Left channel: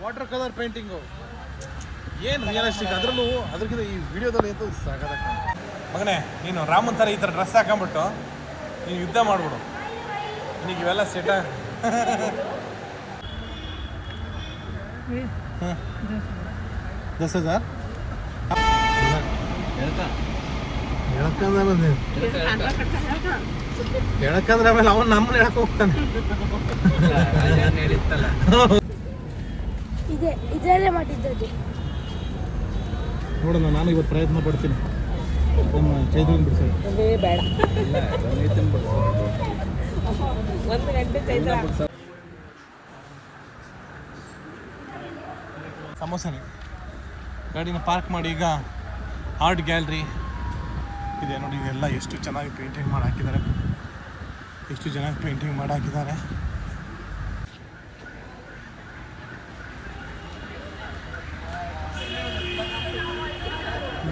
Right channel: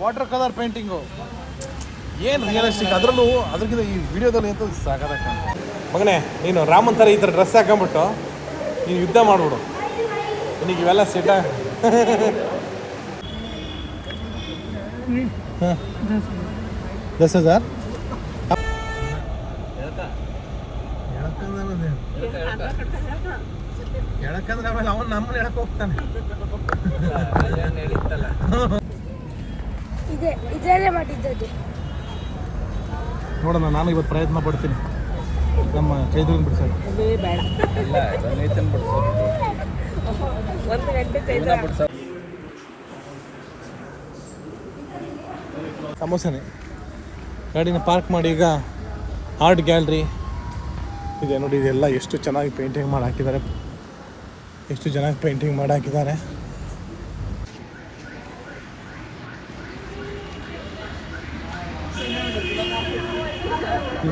Water colour painting ಏನು realistic, ಅದರಲ್ಲೂ ಅದಕ್ಕಿಂತ ಈ ವಿಡಿಯೋದಲ್ಲಿ ಅಂತ ಸಾಕಾಗ. ಮಗನೇ, ನೀನು ರಾಮನ್ ಥರ ಈ ಥರ ಡ್ರೆಸ್ ಹಾಕೊಂಬಿಟ್ಟು ನೀನು ಯುದ್ಧ ಮಾಡ್ಬಿಡು. ನಿನಗೆ ಇವೆಲ್ಲ ಸೆಟ್. ಹಾಂ 10,000 ಹೇಳಕ್ಕಂದ್ರೆ ಆಮೇಲೆ ಅವನು ನಮ್ಮನ್ನ ಹೇಳಕ್ ಹೋಗ್ತಾನೆ. ಇದೇ ಮಾಡಿದ್ದದು ನೋಡೋಣ, ನಾನು ಇವತ್ತು ಪ್ರಯತ್ನ ಪಡ್ತೀನಿ ನಮ್ಮ ಚೈತ್ರನ್ ಬಿಡಿಸೋಣ. ಸಮೋಸನೆ ಗಾಡಿನ ಪಾರ್ಕ್ ಮಾಡಿ ಈಗ ಆರ್ಟ್ ಗ್ಯಾಲರಿ ಇದೆ ನೋಡಿ. ಇದೆಲ್ಲ ಎಷ್ಟು ಚೆನ್ನಾಗಿ ಪೇಂಟಿಂಗ್ ಮಾಡಿ ಹಾಕಿದ್ದಾರೆ, ಎಷ್ಟು ಚೆನ್ನಾಗಿ ಪೇಂಟಿಂಗ್ ಮಾಡಿ ಹಾಕಿದ್ದಾರೆ.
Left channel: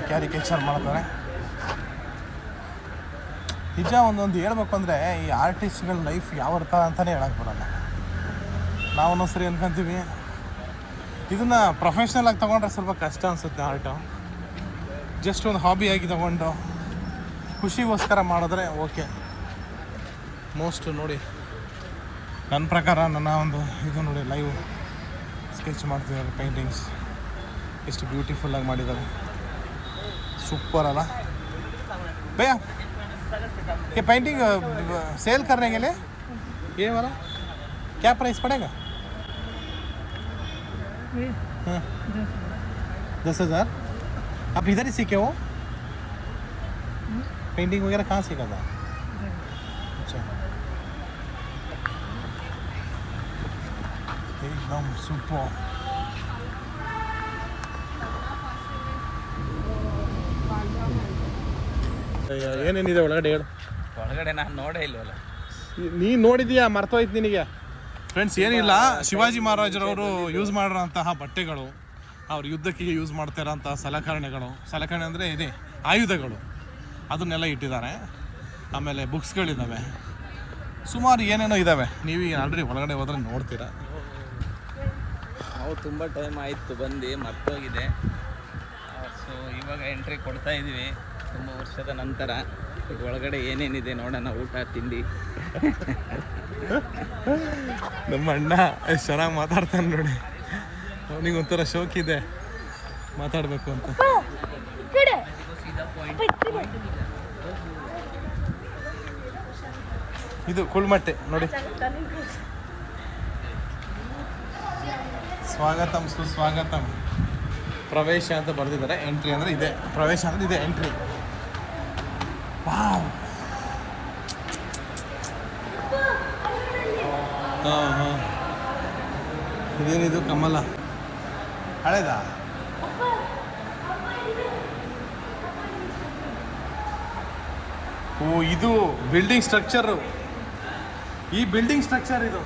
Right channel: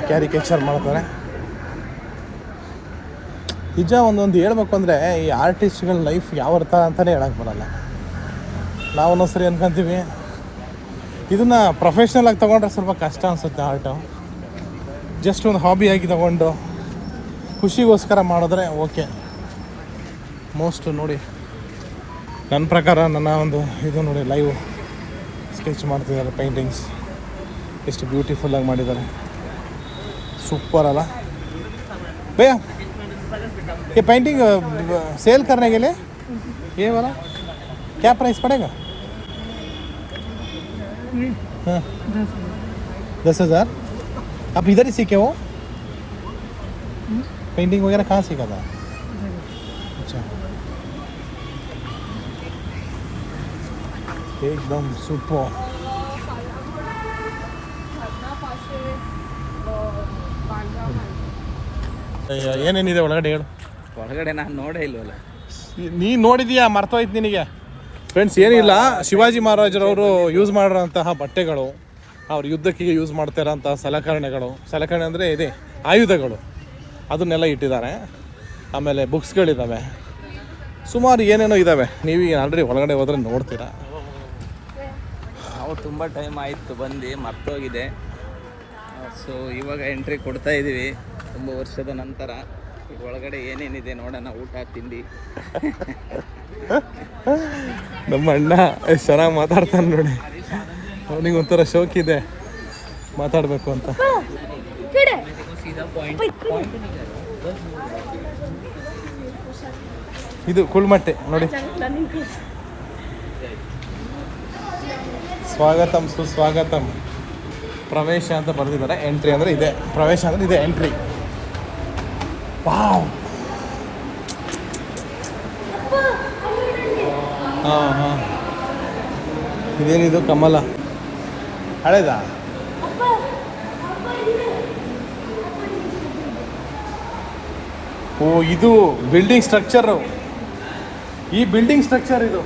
ಕ್ಯಾರಿಕೇಚರ್ ಮಾಡ್ತಾರೆ. ನಿಜ ಒಂದೊಂದು ಹೇಳ್ಬೇಕು ಅಂದರೆ ಈ ಆರ್ಟಿಸ್ಟ್ಗಳ ಲೈಫ್ ಯಾವ ಅರ್ಥ ಅಂತಲೇ ಹೇಳಕ್ಕೆ ಬರೋಲ್ಲ. ನಾವು ಸರಿ ಅಂದ್ಕೊಂತೀವಿ, ಇದನ್ನು ಪ್ರೊಫೆಷ್ನಲ್ ಆಗಿ ತೊಗೊಂಡ್ರೆ ಸ್ವಲ್ಪ ಕಷ್ಟ ಅನಿಸುತ್ತೆ. ಆರ್ಟು ಜಸ್ಟ್ ಒಂದು ಹಾಬಿಯಾಗಿ ತೊಗೊಂಡು ಖುಷಿಗೋಸ್ಕರ ಮಾಡಿದ್ರೆ ಓಕೆ. ಮೋಸ್ಟ್ ನೋಡಿ, ನನ್ನ ಪ್ರಕಾರ ನನ್ನ ಒಂದು ಇದು ನೋಡಿ, ಲೈವ್ ಸ್ಕೆಚ್ ಮಾಡ್ತಿದ್ದಾರೆ. ಪೇಂಟಿಂಗ್ಸ್ ಎಷ್ಟು ಬ್ಯೂಟಿಫುಲ್ಲಾಗಿ ಮಾಡಿದ್ದಾರೆ, सुपर अला भैया। ये पेंटिंग सेल करने के लिए ये वाला क्या प्राइस पड़ेगा? हाँ 10,000। आप इधर ही सीखे हो? पेंटिंग वगैरह कहाँ सीखा था? अच्छा, एकदम सुपर। ಏನೇನಿದೆ ಒಳಗಡೆ ಹೇಳು. ಒಳಗಡೆ ನಾನು ನೋಡೇ ಇಲ್ವಲ್ಲ. ನೀನು ನೋಡಿದೀಯಾ, ಮರ್ತೋಯ್ತು ನಿನಗೆ. ಫ್ರೆಂಡ್ಸ್, ಏನಿಲ್ಲ, ಶಿವಾಜಿ ಮಹಾರಾಜರವರು ಯೂಸ್ ಮಾಡಿರೋಂತಹ ಬಟ್ಟೆಗಳು, ಅವ್ರು ಯುದ್ಧಕ್ಕೆ ಯೂಸ್ ಮಾಡ್ತಿರೋಂಥ ಸಲಕರಣೆ ಅಂದರೆ ಇದೆ ಆಯುಧಗಳು, ಅದನ್ನೆಲ್ಲ ಇಟ್ಟಿದ್ದಾರೆ. ಆಮೇಲೆ ಬುಕ್ಸ್ಗಳಿದ್ದಾವೆ, ಸುಮಾರು ಏನೇನೋ ಇದ್ದಾವೆ. ನೀವು ಆಲ್ರೆಡಿ ಒಳಗಡೆ ಹೋದರೆ ನೋಡ್ತೀರಾ. ನಾವು ತುಂಬ ಟೈಮ್ ಆಯಿತು ಬಂದು, ಮರ್ತೋಗಿದೆ. ಸೊ ಇವಾಗ ಎಂಟ್ರಿ ಕೊಡ್ತಾ ಇದ್ದೀವಿ ತುಂಬ ವರ್ಷದ ನಂತರ. ಒಳಗಡೆ ಏನೇನಿದೆ ನೋಡೋಣ, ಊಟ ತಿಂಡಿ. ನಮ್ಮ ಅಣ್ಣ ಎಷ್ಟು ಚೆನ್ನಾಗಿ ಮಾತಾಡ್ತಾನೆ ನೋಡಿ, ಅವನಿಗೆ ಒಂಥರ ಶೋಕಿದೆ ಮಾತಾಡಬೇಕು ಅಂತ. ಇದು ಕುಳ್ಮಟ್ಟೆ ನೋಡಿ. ಸ್ವಾಗತಂ ಸುಸ್ವಾಗತಂ, ಪ್ರವೇಶ ಅಂತ ಬರೆದಿದ್ದಾರೆ. ಎಂಟ್ರಿ ಅಂದರೆ ಇದೆ, ಪ್ರವೇಶ ಅಂದರೆ ಇದೆ, ಎಂಟ್ರಿ. ವಾವ್, ಹಾಂ ಹಾಂ, ಇದೇನಿದು ಕಮಲ ಹಳೇದಾ? ಓ, ಇದು ಬಿಲ್ಡಿಂಗ್ ಸ್ಟ್ರಕ್ಚರು. ಈ ಬಿಲ್ಡಿಂಗ್ ಸ್ಟ್ರಕ್ಚರ್ ಇದು,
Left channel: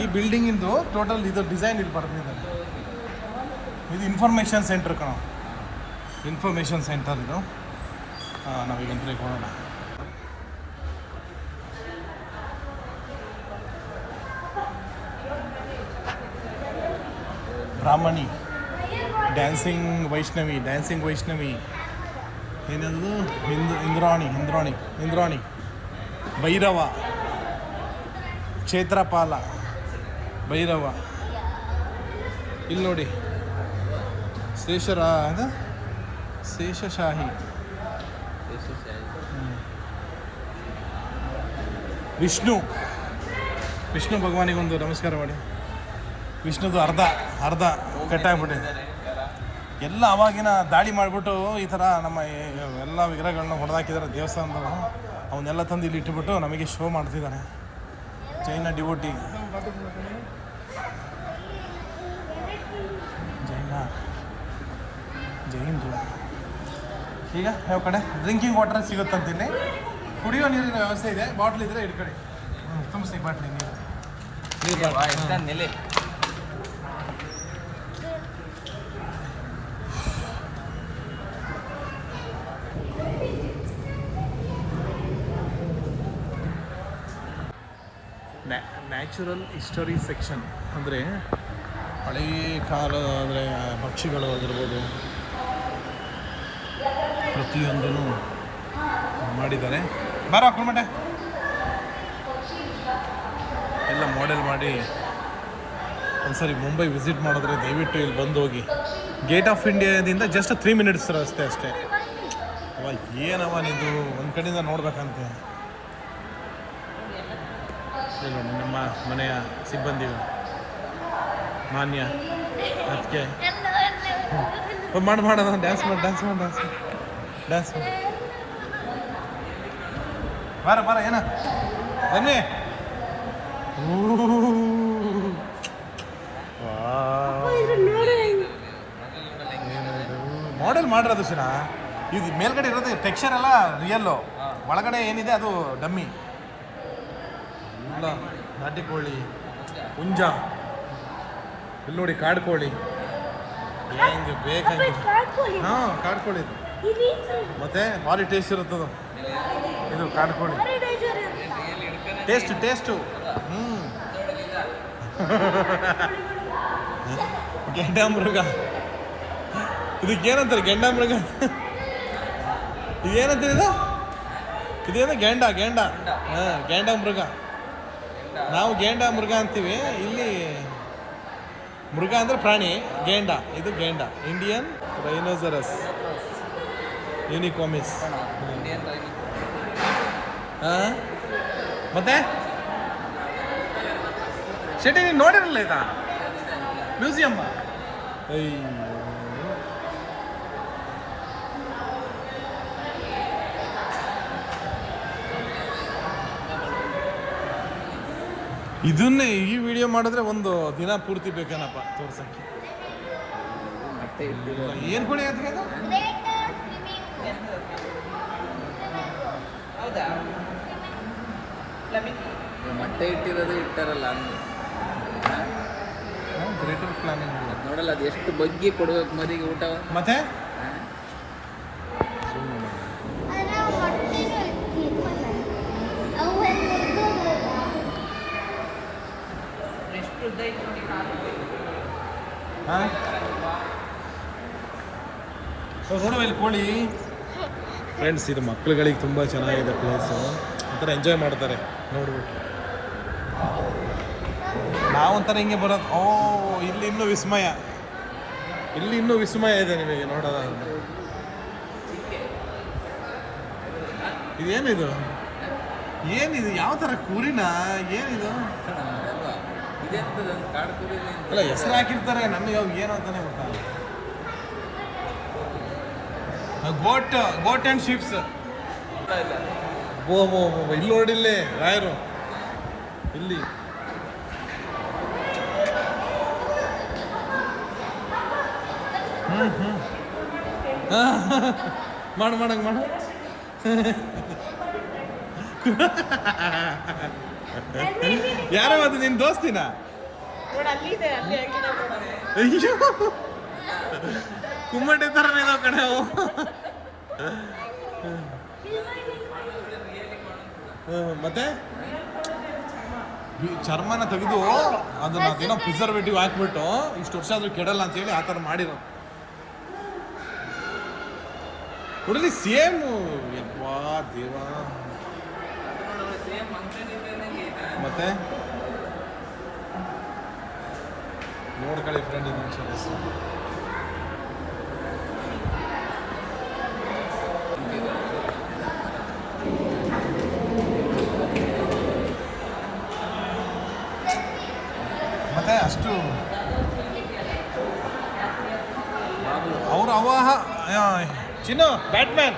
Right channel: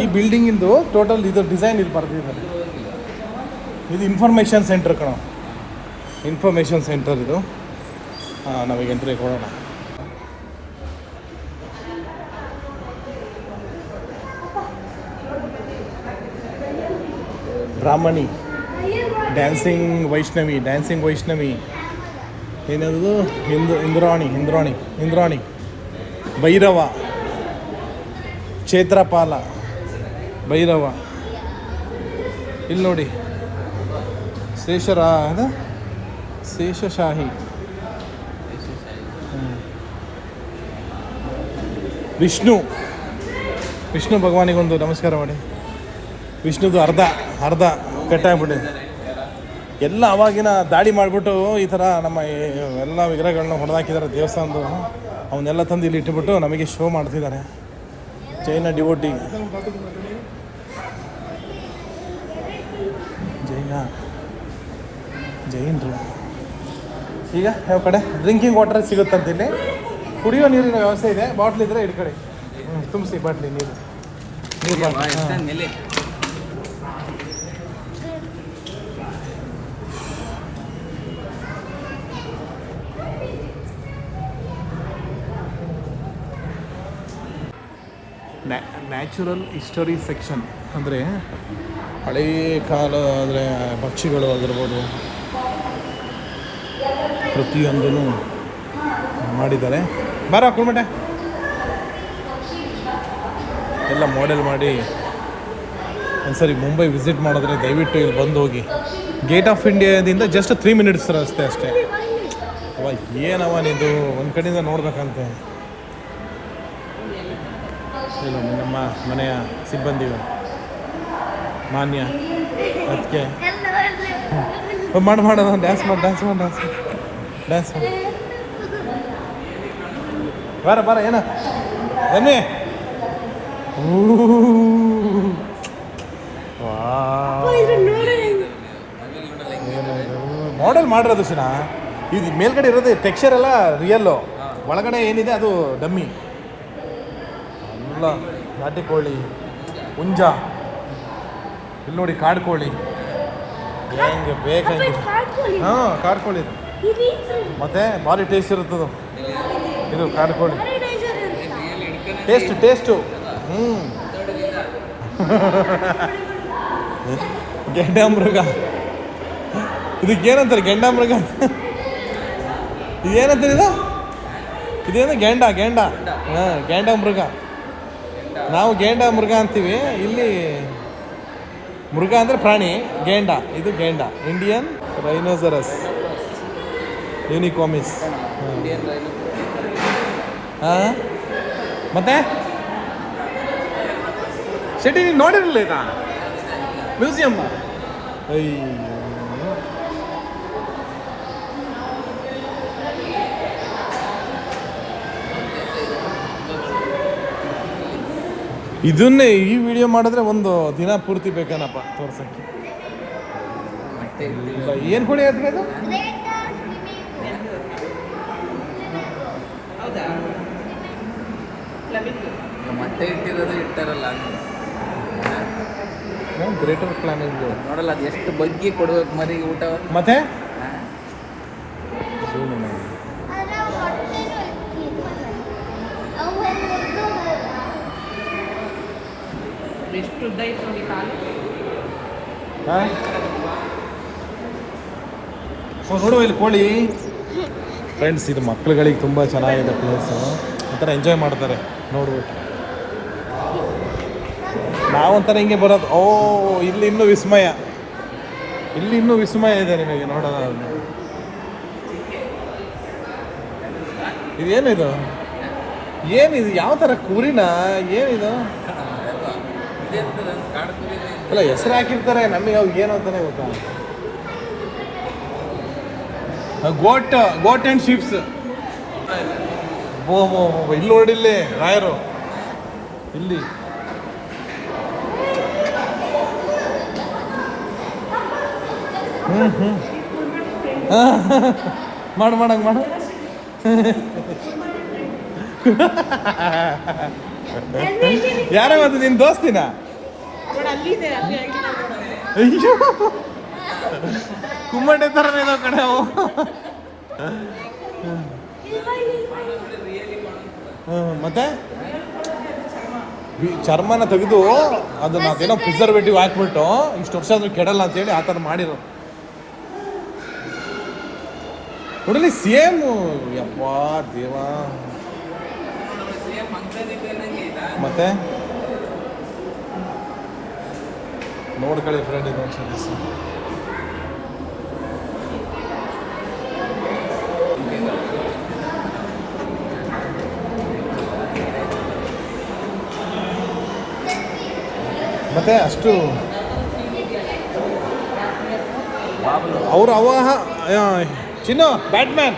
ಈ ಬಿಲ್ಡಿಂಗಿಂದು ಟೋಟಲ್ ಇದು ಡಿಸೈನ್ ಇದು ಬರೆದಿದ್ದಾರೆ. ಇದು ಇನ್ಫಾರ್ಮೇಷನ್ ಸೆಂಟರ್ ಕಣೋ, ಇನ್ಫಾರ್ಮೇಷನ್ ಸೆಂಟರ್ ಇದು. ಹಾಂ, ನಾವೀಗ ಎಂಟ್ರಿ ಕೊಡೋಣ. ಬ್ರಾಹ್ಮಣಿ, ಡ್ಯಾನ್ಸಿಂಗ್ ವೈಷ್ಣವಿ, ಏನದು ಇಂದ್ರಾಣಿ, ಭೈರವ, ಕ್ಷೇತ್ರಪಾಲ, ಭೈರವ. ಇಲ್ಲಿ ನೋಡಿ, ಶೇಷಶಾಹಿ, ವಿಷ್ಣು ಭಗವಾನಿಗೊಂದು ನಮಸ್ಕಾರ ಮಾಡಿ. ವಿಷ್ಣುದು ಅರ್ಧ ಕಟ್ಟಾಗ್ಬಿಟ್ಟಿದೆ. ಎಲ್ಲ ಅವಾಗಿನ ದಾಳಿ ಮಾಡಿಬಿಟ್ಟು ಈ ಥರ ನಮ್ಮ ಎಲ್ಲ ವಿಗ್ರಹಗಳನ್ನ ಹೊಡೆದಾಕಿದ್ದಾರೆ ದೇವಸ್ಥಾನದ್ದು. ಅವನ್ನೆಲ್ಲ ತಂದು ಇಲ್ಲಿ ಇಟ್ಟುಬಿಟ್ಟು ನಮಗೆ ಶೋ ಮಾಡ್ತಿದ್ದಾರೆ. ಜೈನ ಡಿವೋಟಿ, ಜೈನರು. ಈಗ ಯಾವ ಕಡೆ ಡ್ರಿಂಕಿಂಗ್ ವಾಟರ್ ಸಿಗುತ್ತಂತೀನಿ, ಕುಡಿಯೋ ನೀರಿನ ವ್ಯವಸ್ಥೆ ಇದೆ. ಬಾಟ್ಲ್ ಇದ್ದರೆ ಇಟ್ಕಡೆ ತುಂಬಿಸಿ, ಬಾಟ್ಲಿ ನೀರು ಬಾಟ್ಲಿ. ನ್ಯಾಚುರಲ್ ಹಿಸ್ಟರಿ ಸೆಕ್ಷನ್ ಅಂದರೆ ಹಳೆಯ ಕಾಲ ಅಂದರೆ ಪಕ್ಷಿಗಳು ಆಗಿರ್ಬೋದು ಪ್ರತಿಯೊಂದೂ ಮಾಡಿದ್ದಾರೆ. ಬಾರೋ ಕುಳ್ಮಟೆ ಎಲ್ಲ ಮಾಡೆಲ್ ಮಾಡಿ ಒಂದ್ಸರಿ ಮುಂಬೈ ವಿಸಿಟ್ ಮಾಡಿದ್ರೆ ದಯವಿಟ್ಟು ಇಲ್ಲಿ ಬಂದು ಹೋಗಿ. ಗೇಟ್ ಆಫ್ ಇಂಡಿಯಾದಿಂದ ಜಸ್ಟ್ 3 ಮಿನಿಟ್ಸ್ ಅಷ್ಟೇ. ಅವ ಏನವ ನಿಂದು ಒಂದು ಕಡೆಯಿಂದ ನೋಡ್ಬೇಕಂತೆ. ಇಲ್ಲ ನಮ್ಮ ಮನೆಯ ಸಿಬ್ಬಂದಿಗಳು ಮಾನ್ಯ ಅದಕ್ಕೆ ಮಾಡು ಡ್ಯಾನ್ಸ್ ಬಾರ ಏನ ಬನ್ನಿ. ಮಾಡೆಲ್ ಮಾಡಿರೋದು ಸಿನ ಇದು ಮೇಲ್ಗಡೆ ಇರೋದು ಟೆಕ್ಸ್ಚರ್ ಎಲ್ಲ ರಿಯಲ್ಲು, ಒಳಗಡೆ ಏನಿದೆ ಅದು ಡಮ್ಮಿ. ಅಲ್ಲ ನಾಟಿ ಕೋಳಿ, ಹುಂಜ, ಇಲ್ಲಿ ನೋಡಿ ಕಾಡು ಕೋಳಿ ಹೆಂಗೆ ಬೇಕಂಗೆ. ಹಾಂ ಕಾಡು ಕೋಳಿ ಮತ್ತೆ ಭಾರಿ ಟೇಸ್ಟ್ ಇರುತ್ತದು. ಇದು ಕಾಡು ಕೋಳಿ ಟೇಸ್ಟು ಗೆಂಡಾಮೃಗ. ಇದಕ್ಕೇನಂತಾರೆ ಗೆಂಡಾಮೃಗ? ಇದೇನಂತಾರೆ ಇದೇನು ಗೆಂಡ ಹಾಂ ಗೆಂಡಾಮೃಗ. ನಾವು ಗೆಂಡಾಮೃಗ ಅಂತೀವಿ, ಇಲ್ಲಿ ಮೃಗ ಅಂದರೆ ಪ್ರಾಣಿ, ಗೆಂಡ ಇದು ಗೆಂಡ. Indian rhinoceros ಯೂನಿಕಾಮಿಸ್. ಹಾಂ ಮತ್ತೆ ಶೆಟ್ಟಿ ನೀನು ನೋಡಿರಲಿಲ್ಲ ಇದಾ ಮ್ಯೂಸಿಯಮ್? ಇದನ್ನೇ ಈ ವಿಡಿಯೋ ಮಾಡಿದ್ರೆ ಒಂದು ದಿನ ಪೂರ್ತಿ ಬೇಕೇನಪ್ಪ ತೋರ್ಸಕ್ಕೆ. ಏನು ಕೊಡಿ ಅದು ಗ್ರೇಟರ್ ಫ್ಲಾಮಿಂಗ್ ನೋಡಲ್ಲ, ಎಷ್ಟು ಬಗ್ಗೆ ಕೊಡ್ಬೇಕು ಮರಿ ಊಟ. ಮತ್ತೆ ಎಷ್ಟು ಉದ್ದ ಇತ್ತು ನೋಡಿ ಕಾಲು. ನೋಡುವ ಇಲ್ಲಿ ಕೋಳಿ ಫ್ರೆಂಡ್ಸ್. ಇದು ಮಕ್ಕಳುಗಳಿಗೆ ತುಂಬ ಚೆನ್ನಾಗಿದೆ ಪ್ಲೇಸು, ಒಂಥರ ಎಂಜಾಯ್ ಮಾಡ್ತಾರೆ ನೋಡ್ಬಿಟ್ಟು. ನಾವೊಂಥರ ಹಿಂಗೆ ಬರೋದು. ಓ ಇಲ್ಲಿ ಇನ್ನೂ ವಿಸ್ಮಯ ಇದೆ ನಿಮಗೆ ನೋಡೋದು. ಇದೇನಿದು ಯಾವ ಥರ ಕುರಿನ ಏನಿದು? ಇಲ್ಲ ಹೆಸರು ಹಾಕಿರ್ತಾರೆ, ನಮಗೆ ಅವ್ರಿಗೆ ಏನು ಅಂತಾನೆ ಗೊತ್ತಾ. ಗೋಟ್ ಆ್ಯಂಡ್ ಶೀಪ್ಸ್. ಇಲ್ಲಿ ನೋಡಿಲ್ಲಿ ರಾಯರು ಇಲ್ಲಿ ಮಾಡು ಯಾರ ಮತ್ತೆ ನಿನ್ನ ದೋಸ್ತಿನ? ಅಯ್ಯೋ ಕುಮ್ಮಟೆ ಥರನೇ ಇದಾವ ಕಡೆ ಅವು. ಮತ್ತೆ ಚರ್ಮನ ತೆಗೆದು ಅದನ್ನ ಅದೇನೋ ಪ್ರಿಸರ್ವೇಟಿವ್ ಹಾಕ್ಬಿಟ್ಟು ಇಷ್ಟು ವರ್ಷ ಆದ್ರೂ ಕೆಡಲ್ಲ ಅಂತೇಳಿ ಆ ಥರ ಮಾಡಿರೋ. ನೋಡಲಿ ಸೇಮ್. ಯಪ್ಪಾ ದೇವಾ. ಮತ್ತೆ ನೋಡ್ಕೊಳ್ಳಿ ಫ್ರೆಂಡ್, ಇದು ಒಂದ್ಸಲ ಮತ್ತೆ ಅಷ್ಟು ಅವರು ಚಿನ್ನು ಬ್ಯಾಟ್ಮ್ಯಾನ್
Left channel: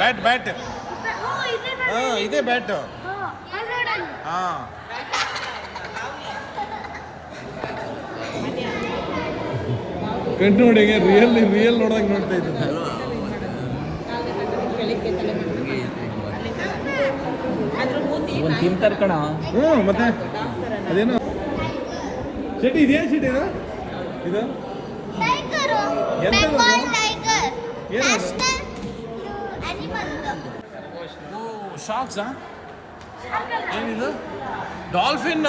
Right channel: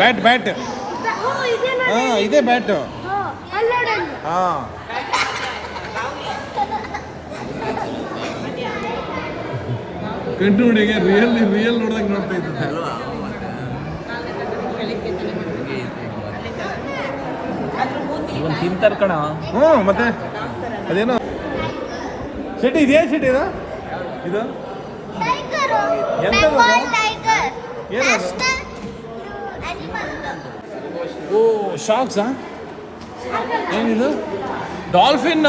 ಬ್ಯಾಟ್ ಹಾಂ ಇದೇ ಬ್ಯಾಟು. ಹಾಂ ಕಂಡುನೋಡಿಗೆ ರಿಯಲ್ ನೋಡೋದಂಗೆ ನೋಡ್ತಾ ಇದ್ದೀನಿ. ತಿಂತಾರೆ ಕಣ. ಮತ್ತೆ ಅದೇನೋ ಶೆಟ್ಟಿ ಇದೇನು ಶೆಟ್ಟಿ ಇದು ಓ ಶಾಕ್ಸಾ? ಏನಿದು ಡಾಲ್ಫಿನ್,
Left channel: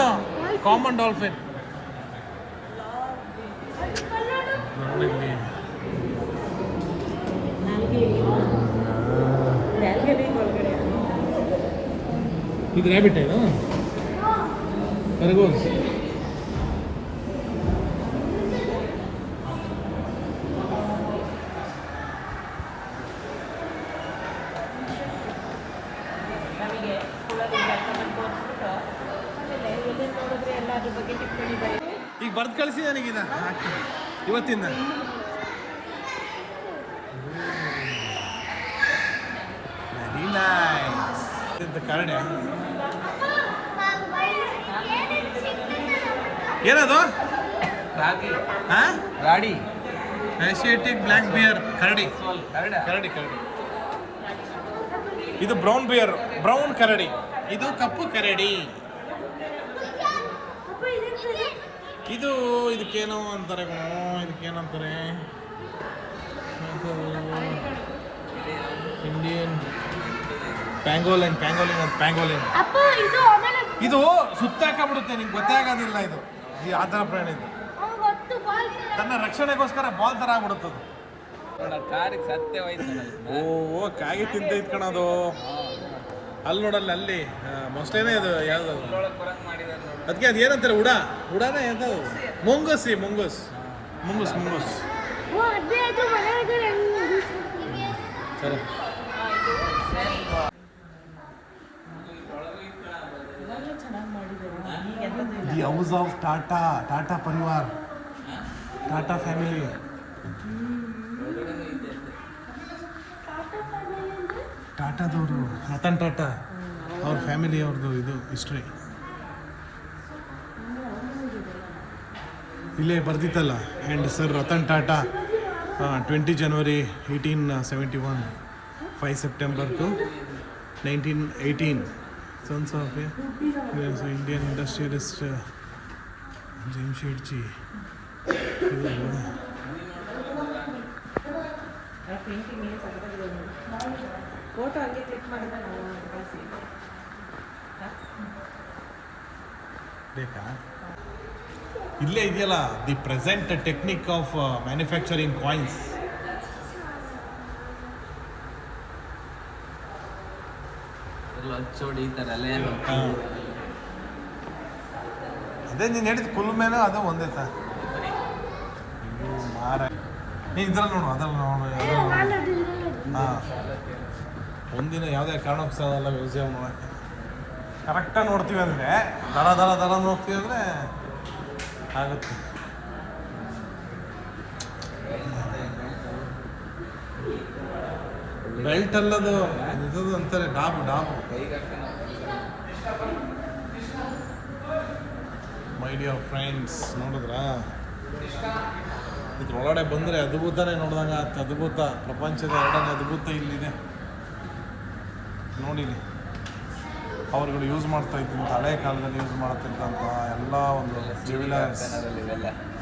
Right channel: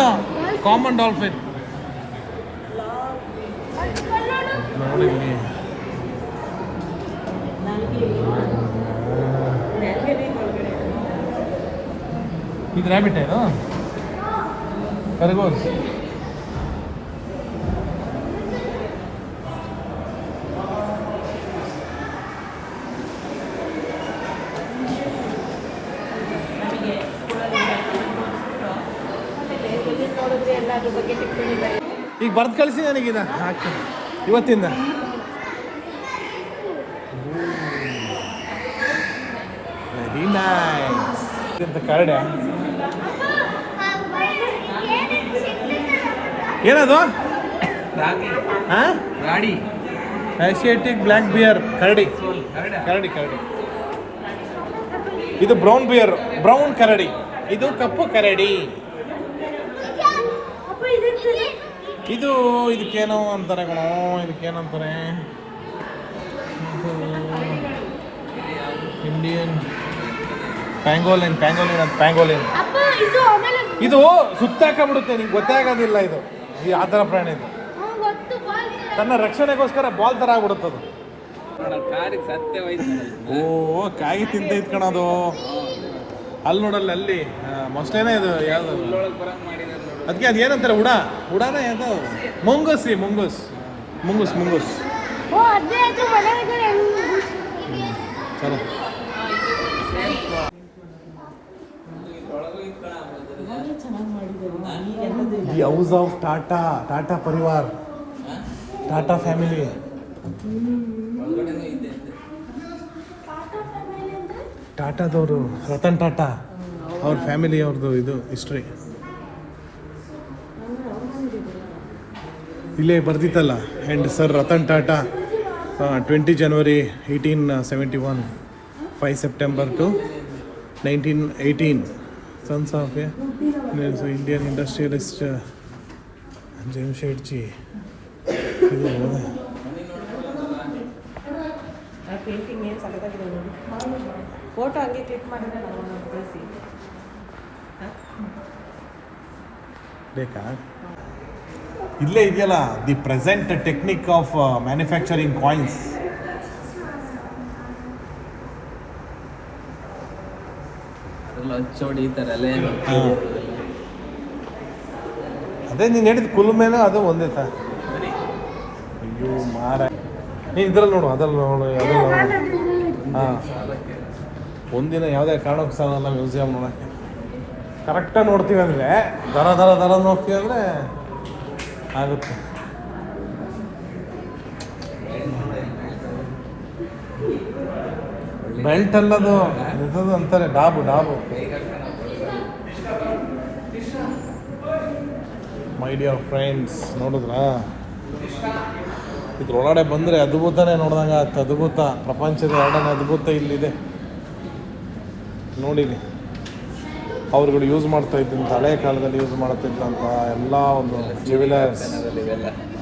ಕಾಮನ್ ಡಾಲ್ಫಿನ್ ನೋಡಿ. ಇದು ರ್ಯಾಬಿಟ್ ಇದು ಕರಗೋಸ್. ಈಗ ಬರ್ದು ಕಳಿಸಿ ನನಗೀಗ ಹಾಕ್ತೀನಿ ಇವತ್ತಿಂದ. ವೆರಿ ನೈಸ್ ಅಂತ ಕರಡೆ. ಏನದು ಗಾಡಿ ಏಷಿಯಾಟಿಕ್ ಬ್ಲ್ಯಾಕ್ ಬಿಯರ್ ಕರಡಿ. ಕರಡಿ ಕರಡಿ. ಇದು ಬ್ರೌನ್ ಬಿಯರ್, ಬ್ರೌನ್ ಕರಡಿ. ಇದು ಕಪ್ಪು ಕರಡಿ. ಇದು ಇದಕ್ಕೇನೋ ಅಂತಾರೆ ಕಣೋ, ಇದಕ್ಕೇನಂತಾರೆ, ಇಂಡಿಯನ್ ಪ್ಯಾಂಗೋಲಿನ್. ಪ್ಯಾಂಗೋಲಿನ್ ಇದು ಸುತ್ತಾಕಬಿಡುತ್ತೆ, ನಿಂಗೆ ಗೊತ್ತೇ ಆಗೋದಿಲ್ಲ. ಇದು ಈ ಆ ಥರ ಪ್ರಾಣಿ ಇದು. ತನ್ನ ರಕ್ಷಣೆಗೋಸ್ಕರ ಬಾಲ್ ಥರ ಆಗ್ಬಿಡುತ್ತದು. ಕಾರಿಗೆ ಸತ್ಯವಾಯ್ತು. ಓ ಕಾಯಿ ತಿಂತೈತ್ ಕಣದು. ಅಲ್ಲಿ ನೋಡಲ್ಲ, ಅಲ್ಲಿ ಮೊಸ್ಲೇನೇ ಇದು ಯಾವುದು ಅದಕ್ಕೆ ಅದು ಏನಂತಾರೆ, ಉಡಾನ ಯಾವುದು, ಮುಂಗುಸ್ ರೀ, ಮುಂಗುಸ್. ಚಲೋ. ದಿ ಹೌಸ್ ಆಫ್ ಟಾಟಾ ಪರಿವಾರ್, ಟಾಟಾ ಫ್ಯಾಮಿಲಿ. ಟಾಟಾದವರು, ರತನ್ ಟಾಟಾ ಅವ್ರ ಫ್ಯಾಮಿಲಿ ಅವ್ರದ್ದು ಇದು ಹಿಸ್ಟ್ರಿ ಇಲ್ಲೇ ಬರ್ದಿತ್ತಲ್ಲ. And sir Ratan Tata 20 January 1871, 5 September to 1918, sons of a Indian industrialist Jamsetji. ಇದು ಫೋಟೋ ಹಂಗೆ ಕ್ಲಿಕ್ ಮಾಡಿ ಕಳಿಸಿ. ಬೇಕಾ? ಇಲ್ಲೇ ಇದೆಯಲ್ಲ, the present technique of manufacturing coins. ಹಚ್ಚೋಡಿ ಈ ಥರ ಅಲ್ಲೇ ಅದೇ ನೀನು ಹೇಳಿದ ಕುಲುಮೇನೋ ಅದು ಒಂದೇ ತ. ಅಯ್ಯೋ ಮಾರ, ಇದ್ರಲ್ಲಿ ನೋಡು, ಅದ್ರಲ್ಲಿ ನೋಡು. ಹಾಂ, ಒಂದಿನ ಯಾವುದೇ ಕಾರಣಕ್ಕೂ ಸಾಲಲ್ಲ ಮ್ಯೂಸಿಯಂ ನೋಡೋಕ್ಕೆ. ಕರೆಕ್ಟಾಗಿ ನೋಡ್ತೀವಿ ಅಂದರೆ, ದರ ನೋಡ್ತೀವಿ ಅಂದರೆ ಆಗುತ್ತೆ. ಬೆಲ್ಟ್ ಅಲ್ಲದು, ಇದ್ದದು ಅಂತಾರೆ ಡಾಬು. ಮೈ ಡಿಯರ್ ಫ್ರೆಂಡ್ಸ್, ನೋಡಿದ್ರಾ? ಇದ್ರೊಳಗಡೆ ಬಂದರೆ ಅದ್ಭುತನೇ ನೋಡ್ದಂಗೆ ಆಗುತ್ತೆ. ಅದ್ಭುತ, ಪ್ರಪಂಚದ 2ನೇ ಅದ್ಭುತ ಇಲ್ಲಿದೆ. ನೋಡಿಲಿ, ಅವ್ರುಗಳು ಯೂಸ್ ಮಾಡ್ತಾ ಇದ್ದಂಥ, ಹಳೆ ಕಾಲದಲ್ಲಿ ಯೂಸ್ ಮಾಡ್ತಿದ್ದಂಥ ಎಲ್ಲ ಒಂದು ಜ್ಯುವೆಲರ್ಸ್.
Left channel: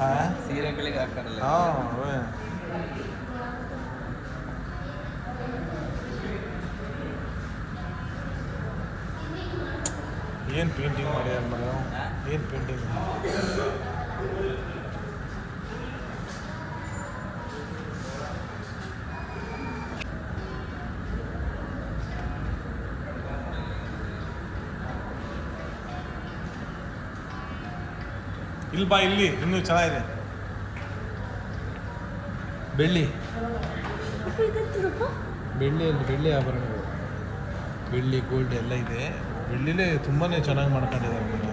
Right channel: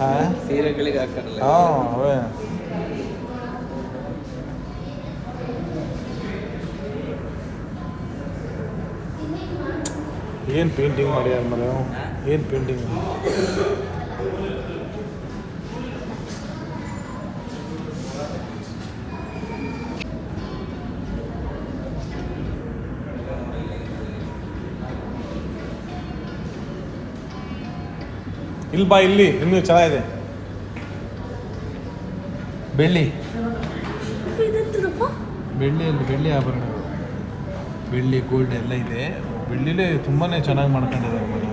ಹಾಂ, ಸೀರೆಗಳಿಗೆ ಹಾಕಾರಲ್ಲ. ಹಾಂ, ಅವೇ. ಏನು ಪೇಂಟಿಂಗ್ ಮಾಡ್ಯಾರ ಮನೆ, ಏನು ಪೇಂಟಿಂಗ್. ಇಲ್ಲಿ ಬಾ, ಇಲ್ಲಿ ಇನ್ನೂ ಚೆನ್ನಾಗಿದೆ. ಬೆಳ್ಳಿ ಆಭರಣ, ಬೆಳ್ಳಿ ಗೋಲ್ಡ್ ಎಲ್ಲ ಇದೆ. ಬೆಳ್ಳಿಲೇ ತುಂಬಾ ಚೆನ್ನಾಗಿ ಮಾಡ್ಕೊಂಡಿದ್ದಾರೆ ಮನೆ.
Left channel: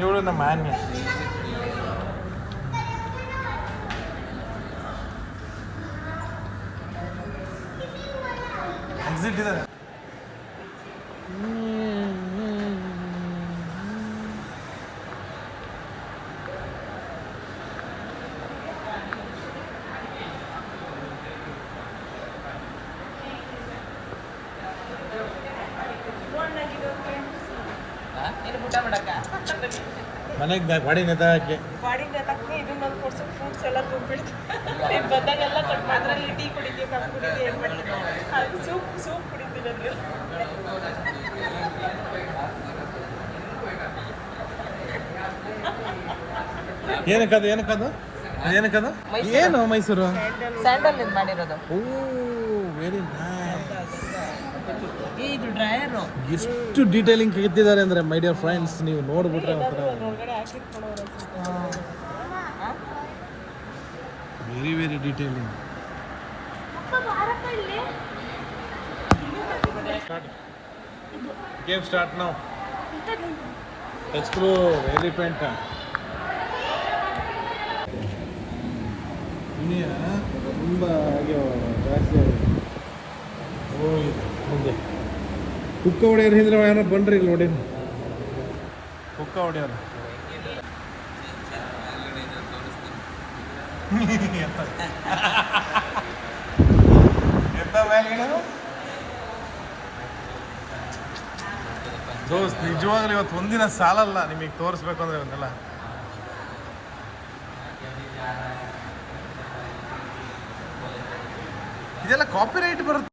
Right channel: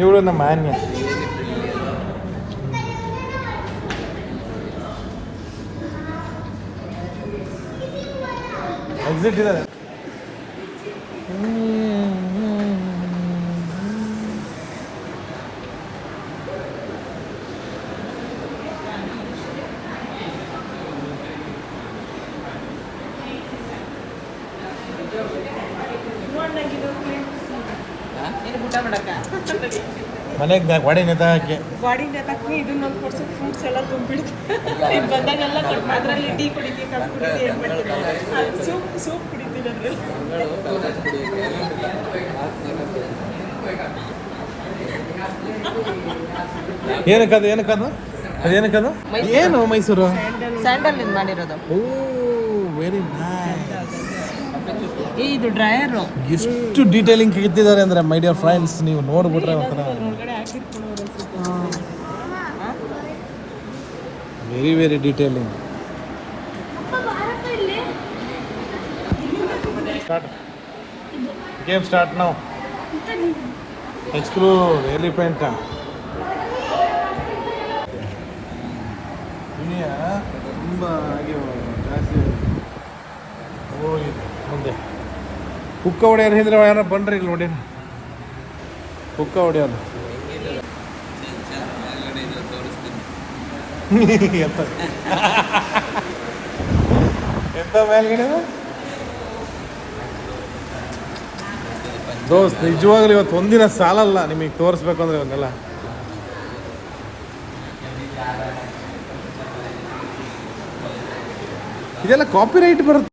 ಇವಳು ನಮ್ಮ ಮಾನ್ಯ. ಎಕ್ಸಿಟ್ ಇದೆ. ಮನೆಗೆ ಗಾಡಿ ನೆತ ಹಾಕಿ ಇದನ್ನ ಕೊಡ್ಸು, ಫ್ರೂಟ್ಸ್ ಎಲ್ಲ ತುಂಬಿಡ್ತು. ಬಂದಾಗೆಲ್ಲ ಅದ್ರಲ್ಲಿ ಟೀ ಕುಡಿತೀವಿ, ಕಾಫಿ ಕುಡಿತೀವಿ, ಸೂಪ್ ಕುಡಿತೀವಿ. ಏನಕ್ಕದು ಅದೇನಕ್ಕದು ಏನು ಮೈಸೂರು ಸ್ಯಾಂಡಲ್ ಮಾಡಿರೋದು. Very nice. ಇದು ಡ್ರೈಯರು. ಎಷ್ಟು ಡೀಟೇಲಿಂಗ್ ಇಟ್ಟಿದ್ದಾರೆ ಅಂದರೆ ಮೈ ಡಿಯರ್ ಫ್ರೆಂಡ್ಸ್, ನೀವು ನೋಡ್ಬಿಟ್ರೆ very very detailing. Game start ನಾವು. ಎಕ್ಸ್ಪ್ಲೋರ್ ವೆರಿ ಪೇಂಟ್ ತುಂಬ ಜಾಸ್ತಿ ಮುಂದೆ ಕುಕ್ಕ ಹೊಡೆಯೋರು ಹಿಂದ್ರೆ ಯಾರು ಬನ್ರಿ ಇಲ್ಲಿ ನೋಡಿ, ಕುಕ್ಕ ಹೊಡೆಯೋರು ಎಂತ ಎಂತ ಮೇಲ್ಗಡೆ ದೋಸ್ತ್. ನಿಜವಾಗ್ಲೂ ಇವತ್ತು ಒಂದಿನ ಸಾಲಲ್ಲ ನಿಮಗೆ ತೋರಿಸ್ಬೇಕು ಅಂದ್ರೆ ಇವನ್ನೆಲ್ಲ. ಇದೆಲ್ಲ ಕಾಪಿರೈಟ್ ಬರುತ್ತೆ.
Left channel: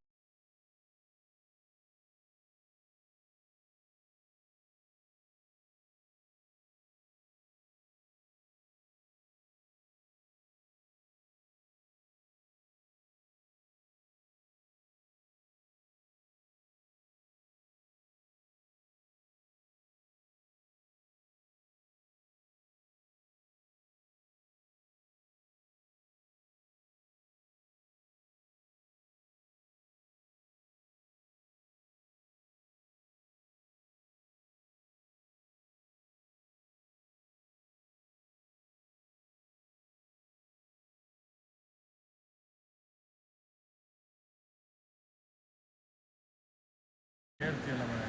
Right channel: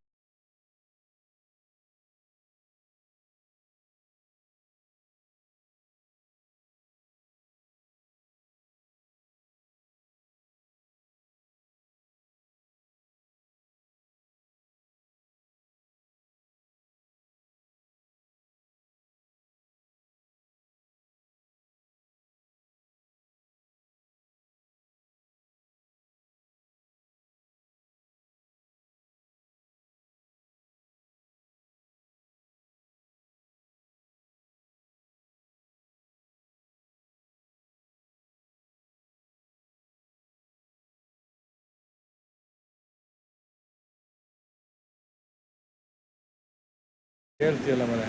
ಹೇಳ್ತೀಯಲ್ಲ ಮನೆ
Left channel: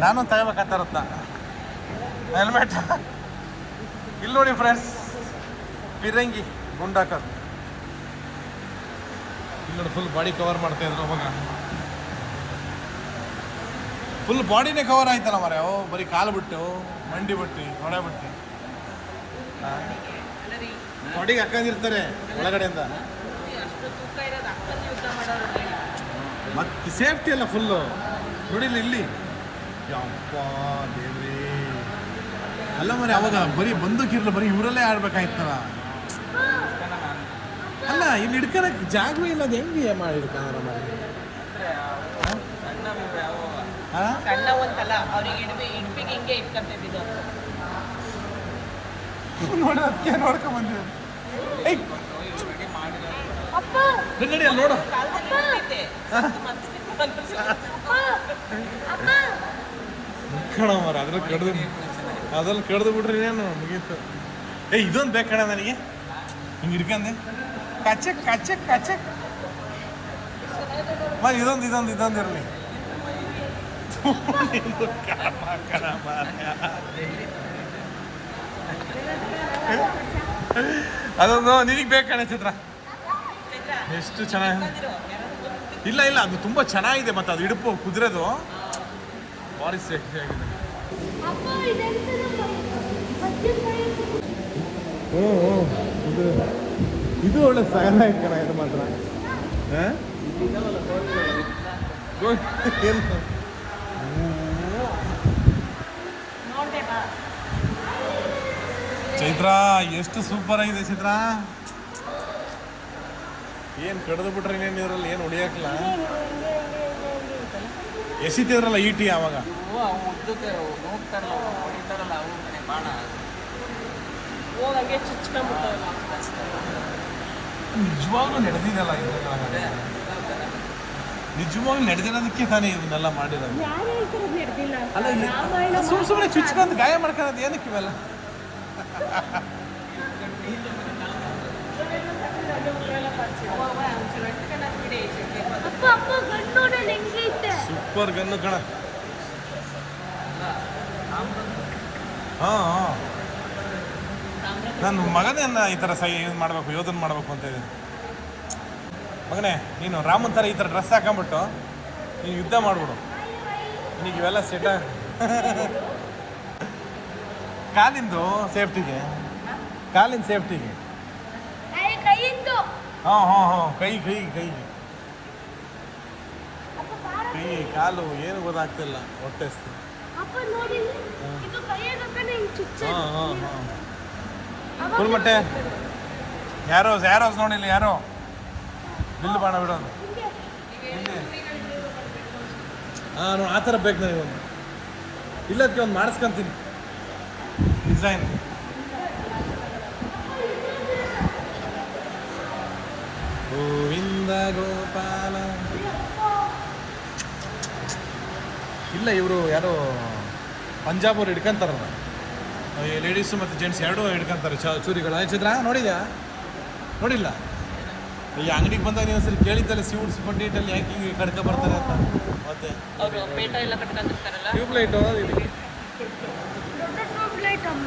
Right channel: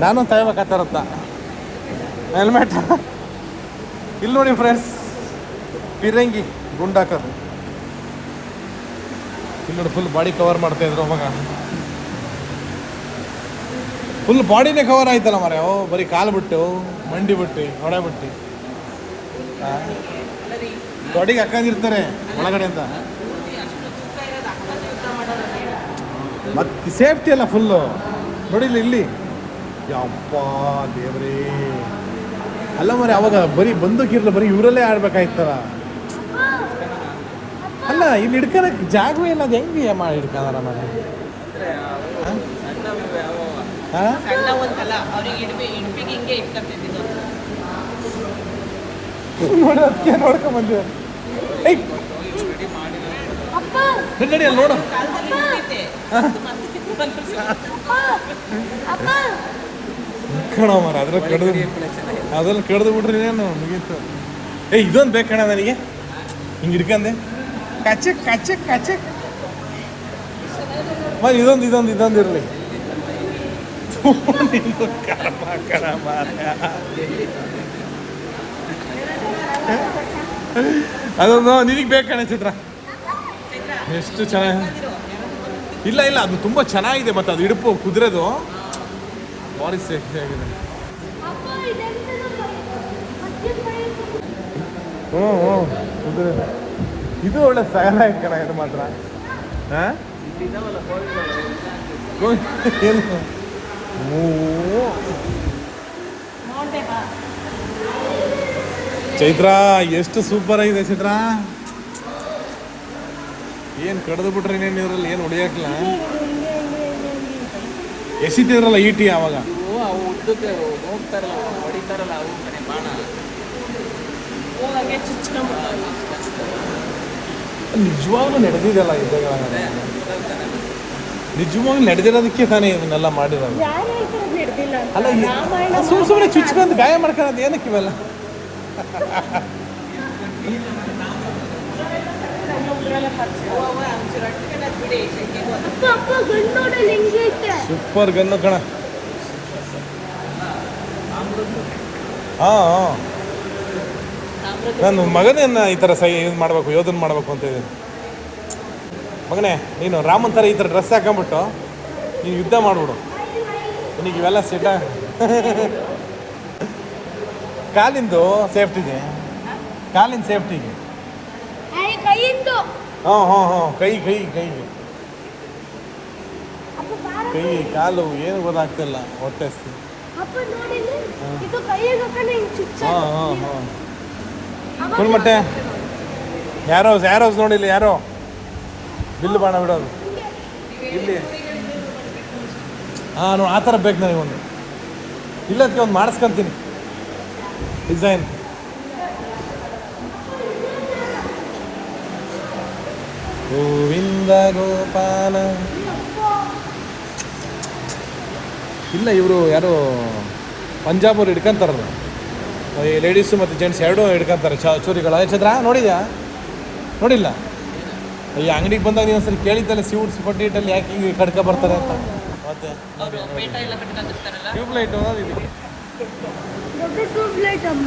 ನಾನು ತಗೋಬೇಕಾಗ್ತಾರತ್ತ ಹೆಲ್ಮೆಟ್. ಇಲ್ಲಿ ನೋಡಿ ಫ್ರೆಂಡ್ಸ್, ಪಿರಂಗಿ ಗುಂಡಾಕೋದು ಇಲ್ಲಿ ನೋಡಿ. ಫುಲ್ ಬಾಡಿ ಕವರ್ ಮಾಡ್ತಾ ಇದ್ರು ಮಗ, ಫುಲ್ ಬಾಡಿನೇ ಕವರ್ ಆಯ್ತಲ್ಲ ಮರೆ. ಓ ಬರೀ ಕಾಲು ಬಿಟ್ಟು ಮಂಡಿ ಬಿಟ್ಟು ಹೊಡೆ ಬಿಟ್ಟು ತೊಡಿಗೆ ಹಾಕೊಂಡಿರ್ತಾರೆ ಒಳಗಡೆ ಅಂತ. ಮತ್ತೆ ಸೇಫ್ಟಿ ಅಲ್ಲ ಫುಲ್ಲು ನೋಡಿಲ್ಲ ಇಲ್ಲಿ. ಯಪ್ಪ ದೇವ್ರೇ, ಅಲ್ಲ ಮರಿ ಅವಾಗ ಬರೀ ಬಂದೂಕಿರ್ಲ, ಬರೀ ಇವರಲ್ಲೇ ಆಡ್ಬೇಕಾಯ್ತಲ್ಲ. ಅಲ್ಲ ಇಲ್ಲಿ ಹಿಡ್ಕೊಳಕ್ಕೆ ಜಾಗವೇ ಇಲ್ಲ, ಅದು ಹೆಂಗೆ ಮಾಡಿ ಹಿಡ್ಕದಾರ ಮನೆ? ನೋಡಿ ಅದಕ್ಕೆ ನೋಡ್ಕೊಂಬಂದಿವೆ. ನಡಿ ಅಲ್ಲಿ ನೋಡು. ಕಣ ಮರ ಅದ್ರಲ್ಲಿ ಕಡ್ದು ಬಿಟ್ರಿ ನೀನು ಮುಗೀತು. ಇದೊಂದು ಬೇಕಣ್ಣ ನನಗೆ, ಹಿಂಗೆ ಹಿಡ್ಕಂದೆ ಕಚಕ್ ಕಚಕ್ ಕಚಕ್. ಮತ್ತೆ ಇದೊಂದು ಇರಲಿ. ಅದೊಂದು ನಿನಗೆ ಬೇಕಣ್ಣ ಚಿತ್ರ. ಎಷ್ಟು ಚೆನ್ನಾಗಿ ಇಲ್ಲ ಅದು ತುಂಬ ಚೆನ್ನಾಗಿದೆ. ಮತ್ತು ಅದು ಇಡುಪು ಕುದುರೆದು ಭಾರಿ ಸೇಫ್ಟಿ ಆಗಿದೆ. ಕುದುರೆ ಇದು ಒಳ್ಳೆ ಸಗಲ ಕಣ. ಇದು ಮಾತ್ರ ಚೈತ್ರ ಎಷ್ಟು ಸೂಪರ್ ಆಗಿದೆ ಚೈತ್ರ. ಏನು ಕಡ್ದು ಬಿಟ್ರೆ ಇನ್ನೇನು ಇದ್ರಲ್ಲಿ ಏನು ಹೊಡಿಯಾಕಿಲ್ಲ. ಎಸಿತಿದ್ರಲ್ಲ ಈಟಿ ಆವಾಗ ಉದ್ದಕ್ಕೆ ಹೋಗ್ತಾರಲ್ಲ ಹೊಡಿತಾರಲ್ಲ ಅವು ಬಾಣ ನಿಜವಾಗ್ಲೂ ನಡೆದಿದೆಲ್ಲ ಯುದ್ಧಗಳ. ನಿಜವಾಗ್ಲೂ ನಡೆದಿರೋದಕ್ಕೆ ತಾನೇ ಇವನ್ನೆಲ್ಲ ಮಾಡಿರೋದು. ಅಲ್ಲ ಸುಮ್ಮನೆ ಚುಚ್ಕೊಂಡು ಗಾಯ ಮಾಡ್ಕೊಳ್ಳೋದು ಏನಕ್ಕೆ ಇವೆಲ್ಲ? ಸೂಪರ್ ಗನ್ನು ಕಣ. ಹಾಂ ನನ್ನ ಮಗನೇನ ಈ ಥರ ಇದು ಮಾಡಬೇಕು, ಯೋಧನ ಮಾಡಬೇಕು ಅಂತ ಇದ್ದೀನಿ. ಮಗನೇ ನೀನು ರಾಮನ್ ಥರ ಈ ಥರ ಡ್ರೆಸ್ ಹಾಕೊಂಬಿಟ್ಟು ನೀನು ಯುದ್ಧ ಮಾಡಿಬಿಡು. ನಿನಗೆ ಇವೆಲ್ಲ ಸಿಟ. ಕಾಲಿಂದು ಸೇಫ್ಟಿಗೆ, ಕಾಲಿನ ಸೇಫ್ಟಿಗೆ. ಹಾಂ ಕೈಗೆ ಕೈ ಕಾಲು ಏನು ಗೊತ್ತಾಗ್ತಿಲ್ಲ ಹೊಟ್ಟೆ ಹಸ್ತು. ಅಪ್ಪ ನೋಡಿದ್ರೆ ಇದು ಕೈಗೆ ಹಾಕೊಂಡು ಹಿಂಗ್ ಚುಚ್ಚ ಹಾಂ ಹಾಂ ಹಾಂ ಫುಲ್ಮಟ್ಟೆ ಯಾರೋ ನೋಡಿಲ್ಲ ಯಾರೋ ಬಿಲ್ಲು ಬಾಣ ಬಿಡೋದು ಇಲ್ಲಿ. ಹಾಂ ನೋಡಿ ಆ ಥರ ಬೇಕು ನನಗೊಂದು. ಇಲ್ಲದಕ್ಕೆ ಒಂದು ಮಾಡಿಸ್ಕೊಂತೀನಿ ಡಿಸೈನ್. ಗೋವಿಂದ ಗೋಪಾಲ. ಇಲ್ಲ ಇವರು ಯಾರು ಪಂಜಾಬವ್ರು ಹಿಡ್ಕೊಂತಾರಲ್ಲ, ಈ ಲೇಡೀಸು ಮತ್ತು ಜೆಂಟ್ಸ್ ಎರಡೂ ಹಿಡ್ಕೊಂತಾರೆ ಚೂರಿಗಳು. ಚಂದ್ರ ನೋಡಿದ್ಯಾ? ನೋಡಿಲ್ಲ? ಈ ಅಂಗಡಿಗೆ ಬಂದಾಗ ನೀವು ಒಂದ್ಸಲ ಕೇಳಿದ್ದಲ್ಲ ಸೀಡ್ಸ್ ಕೊಟ್ಟಿಟ್ಟಲ್ಲಿ ಯಾಕೆ ಹಿಂಗೆ ಕಡ್ಕ ಬರ್ತಾರೆ ಅಂತ. ಮತ್ತೆ ದೊಡ್ಡ ಟ್ಯೂಬ್ಲೈಟ್ ಅಮ್ಮ.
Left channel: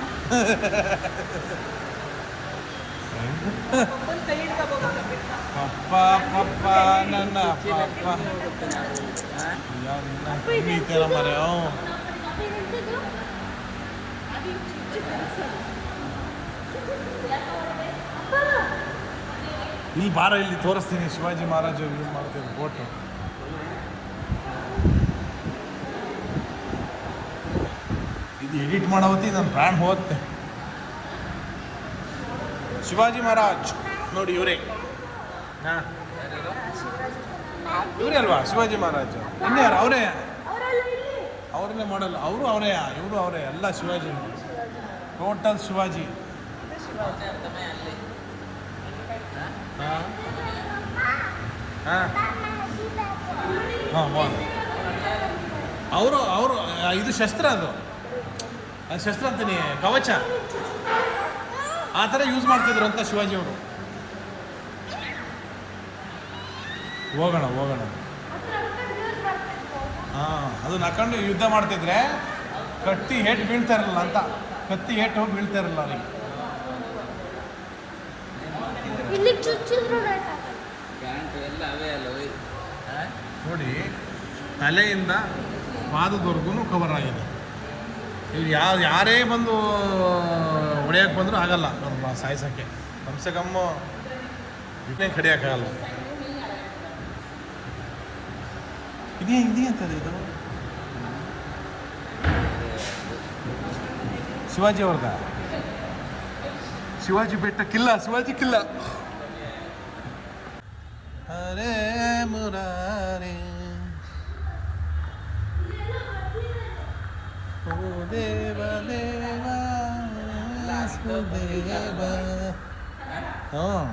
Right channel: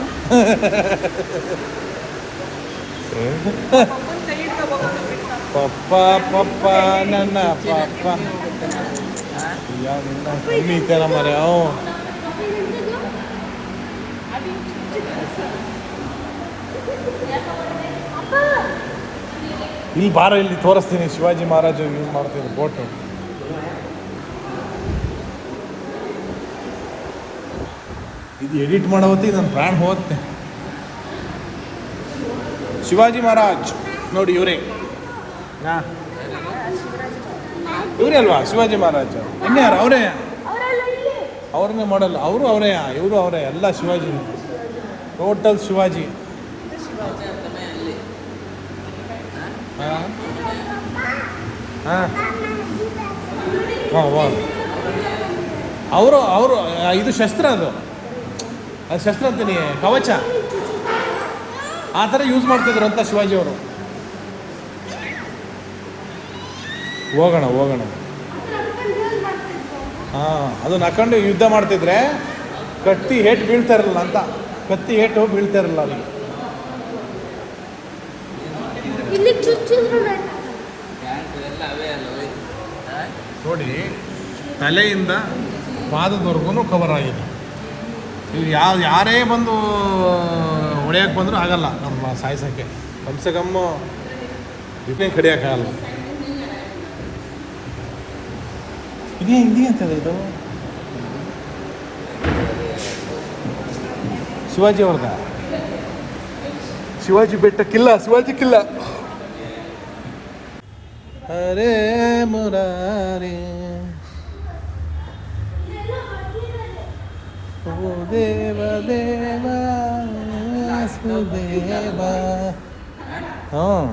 ಪಪ್ಪ ಪಪ್ಪ ನನ್ನ ಪಪ್ಪ ಯಾವ ನಿನ್ನ ಮರೆ ಅವು. ಇಲ್ಲಿ ಬಾರ, ಇಲ್ಲಿ ತೋರಿಸ್ತೀನಿ ಶಿವಾಜಿ ಮಹಾರಾಜರು ಯೂಸ್ ಮಾಡ್ತಿದ್ರು ಬೋಟು. ಇದು ಎಡಿಟ್ ಮಾಡೋ ಹೊತ್ತಿಗೆ ನನ್ನ ಪ್ರಾಣ ಹೋಗುತ್ತೆ. ಶಿವಾಜಿ ಮಹಾರಾಜ್ ನೋಡಿ ಇವರೇ. ಹಾಂ ಇವರೇ ಅಲ್ವಾ ಶಿವಾಜಿ ಮಹಾರಾಜ? ಇನ್ಯಾರು ಅವರೇ? ಅವ್ರನ್ನೇ ಮಾಡಲ್ಲ, ಅವರು ಅವರೇ, ಇವರು ಅವರೇ, ಎಲ್ಲ ಶಿವಾಜಿ, ಟೋಟಲ್ ಶಿವಾಜಿ. ಹಾಂ ಹಾಂ ಹಾಂ ಅವರು ಇದು ಶಸ್ತ್ರ, ಅದು ಶಸ್ತ್ರ ಅಂತೀನಿ, ಕವಚ ಆ ಥರ ಯೂಸ್ ಮಾಡ್ತಿದ್ರು ಅಂತ ಶಿವಾಜಿ ಅವರು. ಹೋಗೋಣ ಹಾಂ ಅದನ್ನ ಹಾಕೊಂಡು ಯುದ್ಧ ಮಾಡ್ತಿದ್ರೆ ಕತ್ತಿ ಏಟು ಬೀಳ್ತಾ ಇರಲಿಲ್ಲ ಅಂತ, ಕತ್ತಿ ಏಟು ಬೀಳ್ತಾ ಇರಲಿಲ್ಲ ಅಲ್ಲಿ. ಇಲ್ಲಿ ಚುಚ್ಚಿದ್ರು ನೋಡಿ ತಲೆಯಿಂದ ಪಾದದವರೆಗೂ ಕವರ್ ಆಗಿದೆ. ಇಲ್ಲಿ ಯಾರೇ ಬಂದು ಹೊಡೆಯೋಕ್ಕೆ ಬಂದರೂ ಆಗಲ್ಲ ನಮ್ಮ ಸಾಯಿಸೋಕ್ಕೆ. ಕಮ್ಸೆ ಕಮ್ಮು ಇದನ್ನೇ ಕಡಿಯೋಕ್ಕಾಗಲ್ಲ. ಇದೇ ಅಂತದೆ ಇದು ಶಿವಾಜಿ ಅವ್ರದ. ಶಿವಾಜಿ ಬೆಟ್ಟಕ್ಕಿಲ್ಲ, ಶಿವಾಜಿ ಕಿಲ್ಲ. ಹರೇ ಮುರಾರಿ ಓ ದೇವ ದೇವ ಸುದೇವ. ಹಾಂ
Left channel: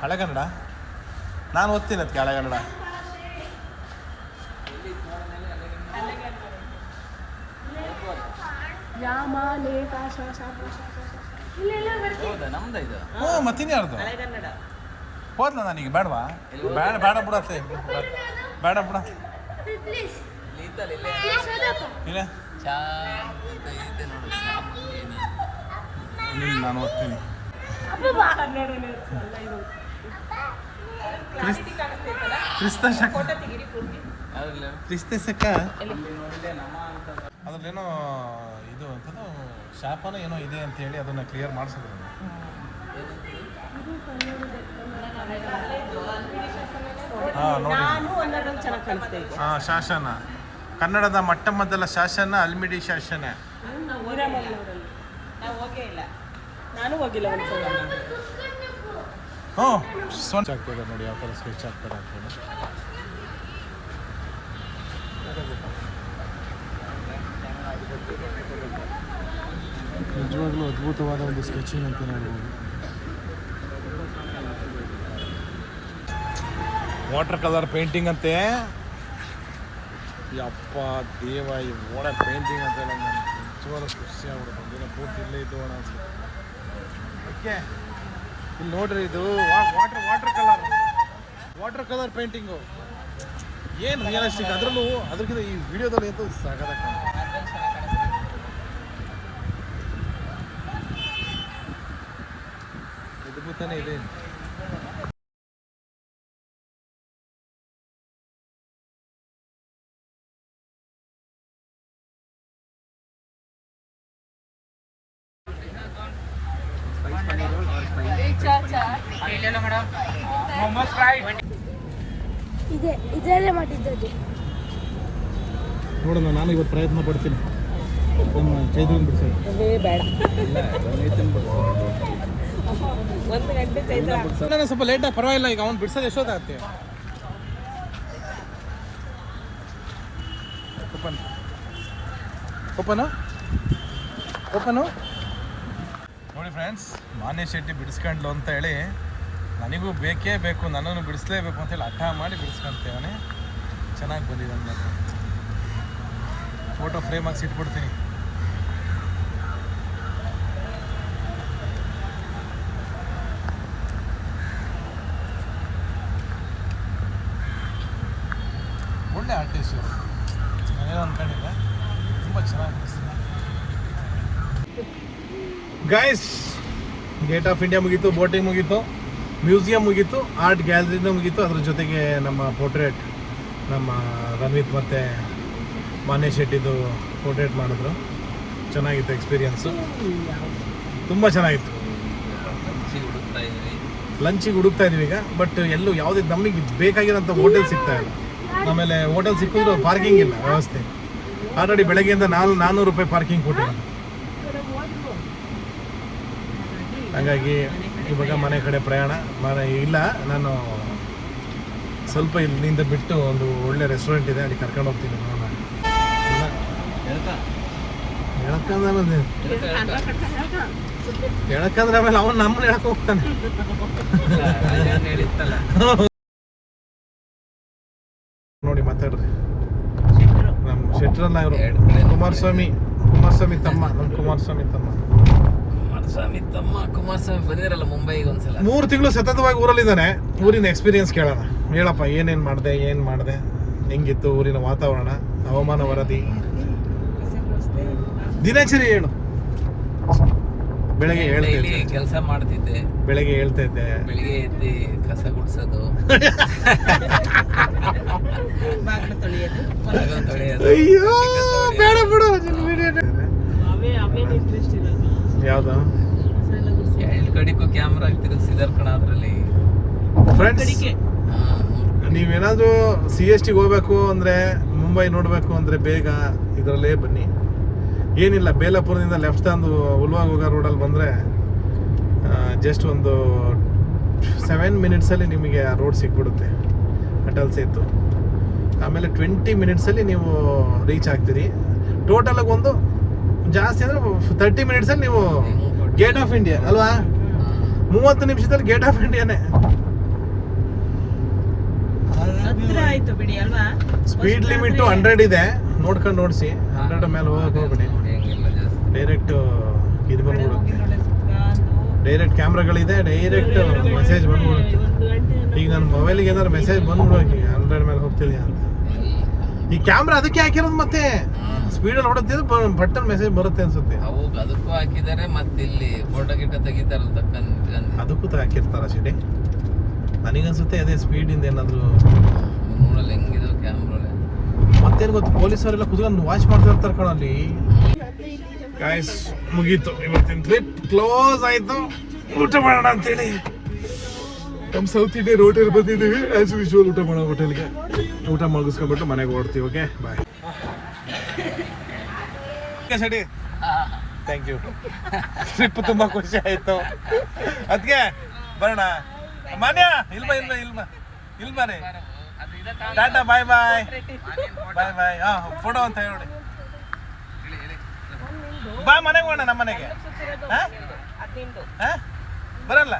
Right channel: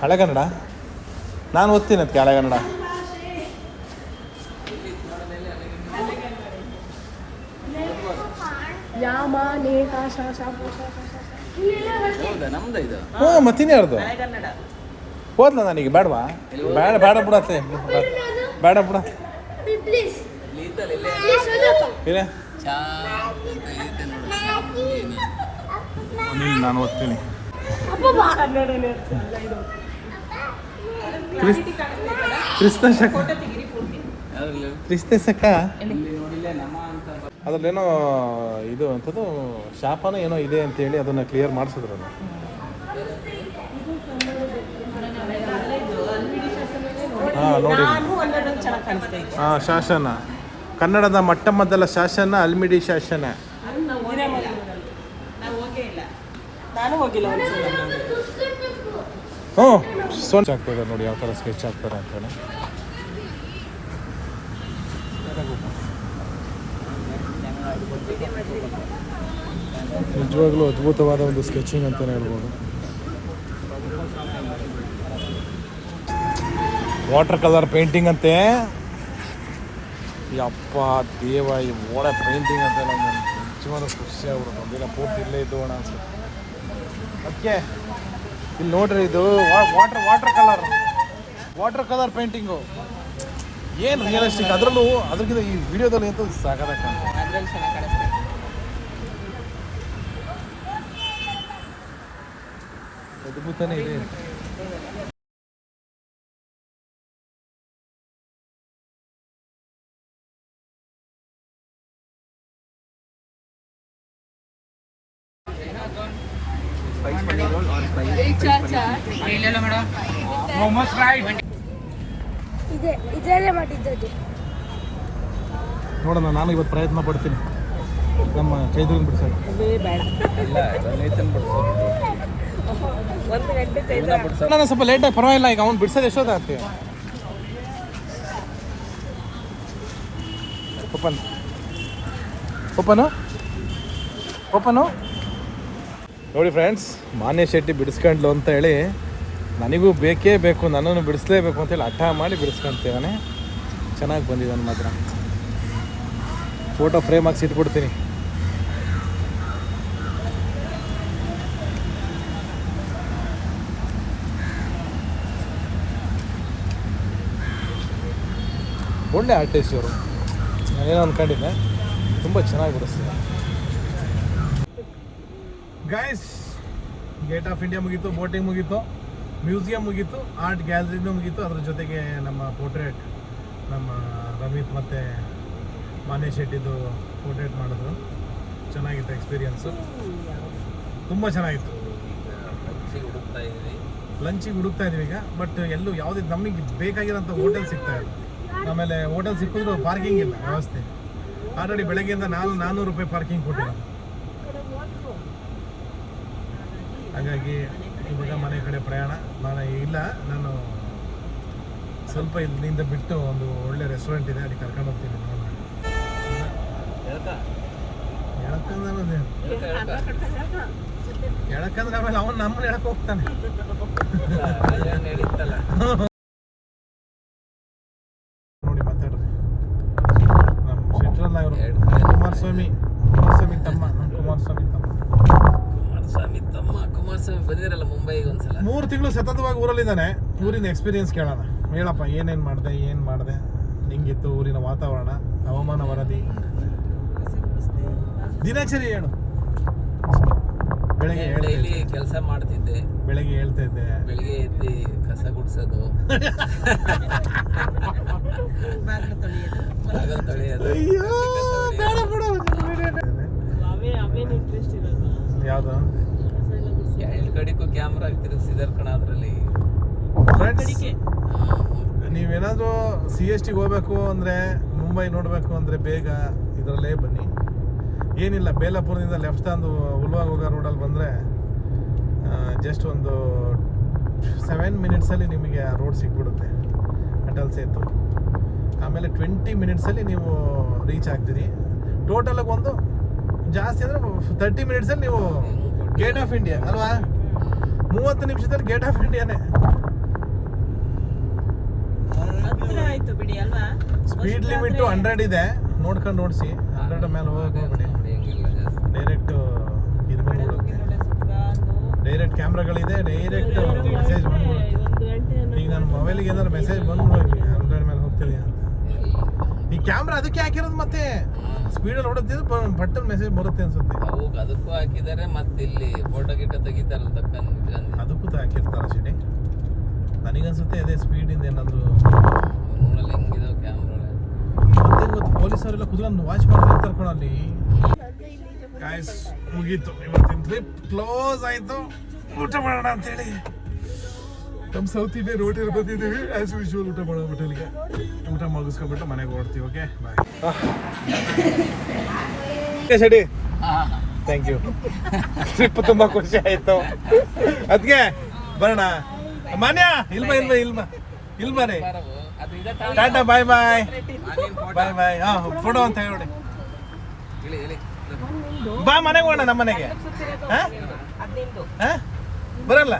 ಹಳೆ ಕನ್ನಡ ನಾನು ಓದ್ತೀನಿ ಅದಕ್ಕೆ ಹಳೆ ಕನ್ನಡ. ಹೌದಾ? ನಮ್ದು ಇದು ಹ್ಞೂ ಮತ್ತಿನ ಯಾರ್ದು ಹೋದ್ಲ ನನಗೆ ಬೇಡವಾ? ಬೇಡ ಬಿಡತ್ತೆ, ಬೇಡ ಬಿಡ. ಪ್ಲೀಸ್ ಇಲ್ಲ ನೀನು ನಾನು ಓದ್ತೀನಿ. ಕ್ರಿಸ್ತ ಶಕ ಅದ್ರಲ್ಲೇನೋ ಇದು ಅಂಥದ್ದು ಶಾಪನೋ ಏನೋ ಇದೆ ಅಂತೇಳಿ ಅದನ್ನು ಕ್ಲಿಯರ್ ಮಾಡಿಸಿದ್ರು. ಅದು ಹಾಂ ನೋಡಿ. ಹಾಂ ಶಾಸನ, ಕನ್ನಡದ ಮೊಟ್ಟ ಮೊದಲ ಶಾಸನ ಅಲ್ಮಿಡಿ ಶಾಸನ. ಹ್ಞೂ ಸ್ಕೆಚ್ ಆಗ್ತದೆ ನೋಡಿ, ಯಾವ ಥರ ಸ್ಕೆಚ್ ಆಗ್ತಾರೆ ಅಂತಾನೆ. ನಿಜವಾಗ್ಲೂ ಅದ್ಭುತವಾದ ಒಂದು ಸ್ಕೆಚಿಂಗ್ ಅಂತಲೇ ಹೇಳ್ಬೋದು. ವಾಟರ್ ಕಲರ್ ಪೇಂಟಿಂಗ್ ಅಂತೆ. ಯಪ್ಪ ದೇವ, ಈ ಮೋಡ ಪೇಂಟಿಂಗ್ ಅಂತ ನಮ್ಗೆ ನಿಜವಾದ ಖುಷಿ ಆಗ್ಬಿಡೋದು. ಒಂದಿನ ಪೂರ್ತಿ ಇಲ್ಲೇ ಇದ್ದು ಅನ್ಸುತ್ತೆ. ಅದಕ್ಕೆ ಇಲ್ಲಿ ನೋಡ್ರಿ, ಇದು ವಾಟರ್ ಕಲರ್ ಪೇಂಟಿಂಗು ಏನು ರಿಯಲಿಸ್ಟಿಕ್. ಅದರಲ್ಲೂ ಅದಕ್ಕಿಂತ ಈ ವಿಡಿಯೋದಲ್ಲಿ ಅಂತೂ ಸಾಕಾದಾಗ ಅದ್ಭುತನೇ ಇದೆ. ಇದರಲ್ಲೇ ಮಾಡಿದ್ದದು. ನೋಡೋಣ, ನಾನು ಇವತ್ತು ಪ್ರಯತ್ನ ಪಡ್ತೀನಿ ನಮ್ಮ ಚೈತ್ರನ್ ಬಿಡಿಸೋಣ. ಇಲ್ಲ ರಮೇಶನ್ ಬಿಡ್ಸೋದು. ಒಂದು ಗಂಟೆ ಇವನ್ನ ಬಿಡ್ಸೋದು. ನಾನು ಸ್ವಲ್ಪ ಲೇಟಾಗಿ ಪರವಾಗಿಲ್ಲ, ಈಗ ಅವ್ನು ಬಿಡಿಸೋದು ಎಷ್ಟೊತ್ತು ಆಗ್ತೀವಿ. ಓಪನ್ ಓಪನು ಓಪನು ನೋಡಿ ಫ್ರೆಂಡ್ಸ್, ಮಾನ್ಯ ಶೆಟ್ಟಿ ಬಿಡಿಸ್ಕೊಂಡ್ಲು ಅಂತ ಹೇಳಿ ನನಗೂ ಬೇಕೇ ಬೇಕು, ನನ್ನನ್ನು ಬಿಡಿಸ್ಲೇಬೇಕು ಅಂತೇಳಿ ಹಠ ಮಾಡಿ ಬಿಡಿಸ್ಕೊಂತೀವನೇ. ಚೆನ್ನಾಗಿ ಬಂದಿದ್ದಾನೆ ಮಾತ್ರ. ಫೋಟೋ ಫ್ರೇಮ್ ಹಾಕ್ಸಿ ಇಟ್ಬಿಡ್ತೀನಿ. ಒಳ್ಳೆ ಆರ್ಟಿಸ್ಟ್ ಇವರು, ನಾನೇನೋ ಅಂದ್ಕೊಂಡಿದ್ದೆ, ತುಂಬ ಚೆನ್ನಾಗಿ ಬಿಡಿಸ್ತಾರೆ. ಗೈಸ್, ಗೇಟ್ ಆಫ್ ಇಂಡಿಯಾ ಮುಗೀತು, ಬೋಟಿಂಗ್ ಮುಗೀತು, ಮ್ಯೂಸಿಯಂ ಮುಗೀತು, ಆರ್ಟ್ ಗ್ಯಾಲರಿನೂ ಮುಗೀತು. ಅದ್ರ ಜೊತೆಗೆ ನಮ್ಮ ಪೋರ್ಟ್ರೇಟ್, ನಮ್ಮ ರಣವೀತ್ ಮತ್ತು ಮಾನ್ಯ ಶೆಟ್ಟಿದು ಪೋರ್ಟ್ರೇಟ್ ಮಾಡಿದ್ರು. ಚೆನ್ನಾಗಿತ್ತು ಎಕ್ಸ್ಪೀರಿಯನ್ಸು, ತುಂಬ ಚೆನ್ನಾಗಿತ್ತು. ಲಂಚಿಗೆ ಹುಡುಕ್ತಾ ಇದೀವಿ ಈಗ, ಬಟ್ ಎಲ್ಲೂ ಯಾವುದೇ ನಮಗೆ ಬೇಕಾಗಿರೋಂಥ ಹೋಟೆಲ್ ಸಿಗ್ತಾ ಇಲ್ಲ. ಆಮೇಲೆ ಹೋಟೆಲ್ ಸಿಕ್ಕಿದ್ರು ಪಾರ್ಕಿಂಗ್ ಇಲ್ಲ ವ್ಯವಸ್ಥೆ. ಆಲ್ರೆಡಿ ಬೆಳಗ್ಗೆಯಿಂದ 400 ರೂಪಾಯಿ ಪಾರ್ಕಿಂಗ್ ಕೊಟ್ಟಿದ್ದೀನಿ. ಹಾಗಾಗಿ ಇವಾಗ ಮನೆ ಕಡೆ ಪ್ರಯಾಣ ಇಲ್ಲ. ನಾನು ಸ್ವಲ್ಪ ಇಲ್ಲಿಂದ ಬಿಟ್ಟು ಒಂದು ಒಳ್ಳೆ ರೆಸ್ಟೋರೆಂಟ್ ಇದೆ, ಅಲ್ಲಿ ಕರ್ಕೊಂಡು ಹೋಗ್ತೀನಿ. ಹೇಳಕ್ಕಂದ್ರೆ ಆಮೇಲೆ ಅವನು ನಮ್ಮನ್ನ ಹೇಳಕ್ ಹೋಗ್ತಾನೆ. ನೋಡಿ ಮಾತಾಡ್ರಿ. ನಮ್ಮ ಶೆಟ್ರಲ್ಲ ಇವರು, ಕುಮಾರಸ್ವಾಮಿ ತಮ್ಮ, ನಮ್ಮ ಕುಮಾರಸ್ವಾಮಿ ತಮ್ಮ. ಕುಮಾರಸ್ವಾಮಿ ಬಂದಿರಲ್ಲ ಮುಂಬೈಗೆ ಒಂದ್ಸಲ. 3 ತಿಂಗಳು ಸತತವಾಗಿ ಊರಲ್ಲಿದ್ದಾನೆ. ಊರಿನ ಎಕ್ಸ್ಪೀರಿಯನ್ಸ್ ಕೇಳೋಣ. ಹೇಳಪ್ಪ, ಏನೇನು ಮಾಡಿದೆ, ಹೆಂಗಿತ್ತು ಊರಿನ ವಾತಾವರಣ, ಹವಾಮಾನ ವರದಿ, ದಿನಚರಿ ಹೇಳು. ಬೆಳಗ್ಗೆ ಹೇಳ್ತಿದ್ದೆ, ಕೆಲಸ ಮಾಡ್ತಿದ್ದೆ. ಬೆಳಗ್ಗೆ ಹೇಳ್ತಾ ಇದ್ದೆ, ಬೆಳಿಗ್ಗೆ ಎದ್ದು ಕಸ ಗುಡಿಸೋದು, ಬಾಗಿಲು ತೊಳೆಯೋದು, ಅಯ್ಯೋ ಬೇಡ ಬಿಡು. ಯಾವ್ದು ಕಡಿಗೂ ಕ್ಯಾಮ್ರಾ ಹಾಕ್ತಿರೋ ಸಿದರ್ಕಣ ಅದರಲ್ಲಿ. ಫ್ರೆಂಡ್ಸ್, ನೀವೇನಾದರೂ CST ಹೋಗ್ಬೇಕು ಅಂದರೆ, ಮುಂಬೈ ನೋಡಬೇಕು ಅಂದರೆ ಬೇಗ ಇದರಲ್ಲೇ ಬನ್ನಿ. ಏನಿಲ್ಲ, ಬೇಲಾಪುರದಿಂದ ಲೆಫ್ಟ್ ತಂದು ಉಲ್ವಾಗುಗ ರೋಡಲ್ಲಿ ಬಂದರೆ ಜಸ್ಟ್ ಒಂದು 7 ಮಿನಿಟ್ಸಲ್ಲಿ ನಿಮಗೆ ರೋಡ್ ಸಿಕ್ಬಿಡುತ್ತೆ, ಅಟಲ್ ಸೇತು. ಆಮೇಲೆ 20 ಮಿನಿಟ್ಸಲ್ಲಿ ನೀವು ರೀಚ್ ಆಗ್ತೀರಿ. ಟೋಟಲಾಗಿ ಒಂದು ಜಾಸ್ತಿ ಅಂದರೆ 30 ಮಿನಿಟ್ಸಲ್ಲಿ ನೀವು ಗೇಟ್ ಆಫ್ ಇಂಡಿಯಾ ಅಲ್ವಾ. 30 ನಿಮಿಷದಲ್ಲಿ ಗೇಟ್ ಆಫ್ ಇಂಡಿಯಾನೇ. ಹತ್ರ ಆಯ್ತು ಬಿಡಿ ಅಲ್ವಾ. ಸ್ಪೀಡ್ ಲಿಮಿಟ್ 100 ಇದೆ, ನೋಡ್ಕೊಂಡು ನೋಡಿಸಿ. 100 ಮೇಲೆ ಹೋಗಕ್ಕೆ ಹೋಗ್ಬೇಡಿ, ಡೈರೆಕ್ಟ್ ಇದು ಬಂದ್ಬಿಡುತ್ತೆ. ಡೈರೆಕ್ಟ್ ಕ್ಯಾಮ್ರಾಗಳಿದೆ, ಡೈರೆಕ್ಟ್ ಮೆಸೇಜ್ ಬಂದ್ಬಿಡುತ್ತೆ. ಈಗ ನನ್ನ ಮೊಬೈಲಿಗೆ ಏನಾದ್ರು ಮೆಸೇಜ್ ಬಂದ್ಬಿಡೋಕೆ 100 ಮೇಲೆ ಹೋಗ್ತಿದೆಯಾ ಅಂತ. ಈ ಕ್ಯಾಮ್ರಾ ಅದಕ್ಕೆ ಹಾಕಿರೋದು, ಮತ್ತೆ ಸ್ಪೀಡಲ್ಲಿ ಹೊಡುತ್ತಿದ್ದು ಬಟನ್ ಮೆಸೇಜ್ ಬರುತ್ತೆ ಅನ್ಸುತ್ತೆ. ಅದಕ್ಕೂ ಹಾಕಿದ್ದಾರೆ, ಮತ್ತೆ ಇಲ್ಲಿ ಫೋಟೋ ಗಿಟ ತೆಗಿತಾರಲ್ಲ ತಕ್ಕಂತ ಅದಕ್ಕೂ ಹಾಕಿರ್ತಾರ ಶೆಡಿ. ನನಗನ್ಸುತ್ತೆ ಅದೇ ಸ್ಪೀಡಿಂದ ಏನಾದರೂ ನೋಡಲ್ಲ ಹೆಂಗಿದಾವೆ ಕ್ಯಾಮ್ರಾ. ಮತ್ತೇನು ಗೊತ್ತು, ಪೊಲೀಸವರೆಲ್ಲ ಕುತ್ಕೊಂಡು ವಾಚ್ ಮಾಡ್ತಿರ್ತಾರೆ ಕಣಲ್ಲಿ. ಗಾಯ್ಸ್, ಮುಗೀತು ಇವತ್ತಿನ ಟ್ರಿಪ್, ಕ್ಲೋಸ್ ಆಯಿತು. ಊಟ ಮಾಡೋಣ ಅಂತೇಳಿ ನಮ್ಮ ಸೌತ್ ಇಂಡಿಯನ್ ಹೋಟೆಲ್ ಬಂದಿದ್ದೀವಿ. ಆ್ಯಸ್ ಯೂಶುವಲ್ ಊಟ ಮಾಡೋ ಹೋಟೆಲ್ಗೆ. ಊಟ ಮುಗಿಸ್ಕೊಂಡ್ಬಿಟ್ಟು ಮನೆಗೆ ಓಡ್ತೀವಿ. Okay, bye. ಓಕೆ ಶೆಡಿ, ಥ್ಯಾಂಕ್ ಯು. ಟ್ರಿಪ್ ತುಂಬ ಖುಷಿ ಆಯಿತು. ಅದಕ್ಕೆ ಬರೋಣ. ಮಾನ್ಯ ಇಲ್ಬಾನೆ. ಟಾಟಾ, ಬಾಯ್ ಬಾಯ್ ಬಾಯ್ ಬಾಯ್. ಹಾಂ, ಫೋಟೋ ಅಂತ ಹೇಳಿ. ಬಾ ಮನೆಗೆ ಹೋಗೋಣ, ನಮ್ಮ ಮನೆಗೆ. ಹಾಂ ಹಾಂ, ಬರಲ್ಲ.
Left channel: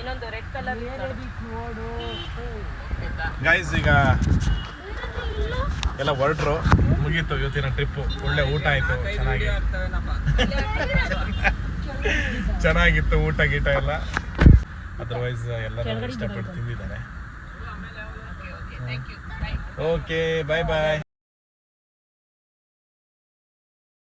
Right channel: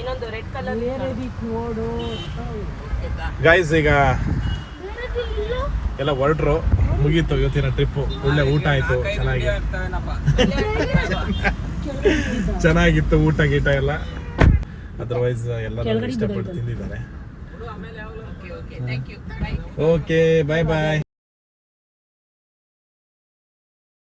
ಇನ್ನೊಂದು ರೆಡ್ ಕಲರ್ ಗೈಸ್, ಈಗ ಎಲ್ಲ ಹೊರಟ್ರು, ಮುಗೀತು ಇವತ್ತಿನ ಟ್ರಿಪ್ಪು. ಒಳ್ಳೆ ಊಟ ಆಯಿತು, ಚೆನ್ನಾಗಿತ್ತು ಊಟ ಗೀಟ ಎಲ್ಲ. ಅದರ್ವೈಸ್ ಎಲ್ಲರೂ ಇಷ್ಟಪಟ್ಟು ತಿಂದಿದ್ದಾರೆ. ಓಕೆ, ಬಾಯ್ ಬಾಯ್.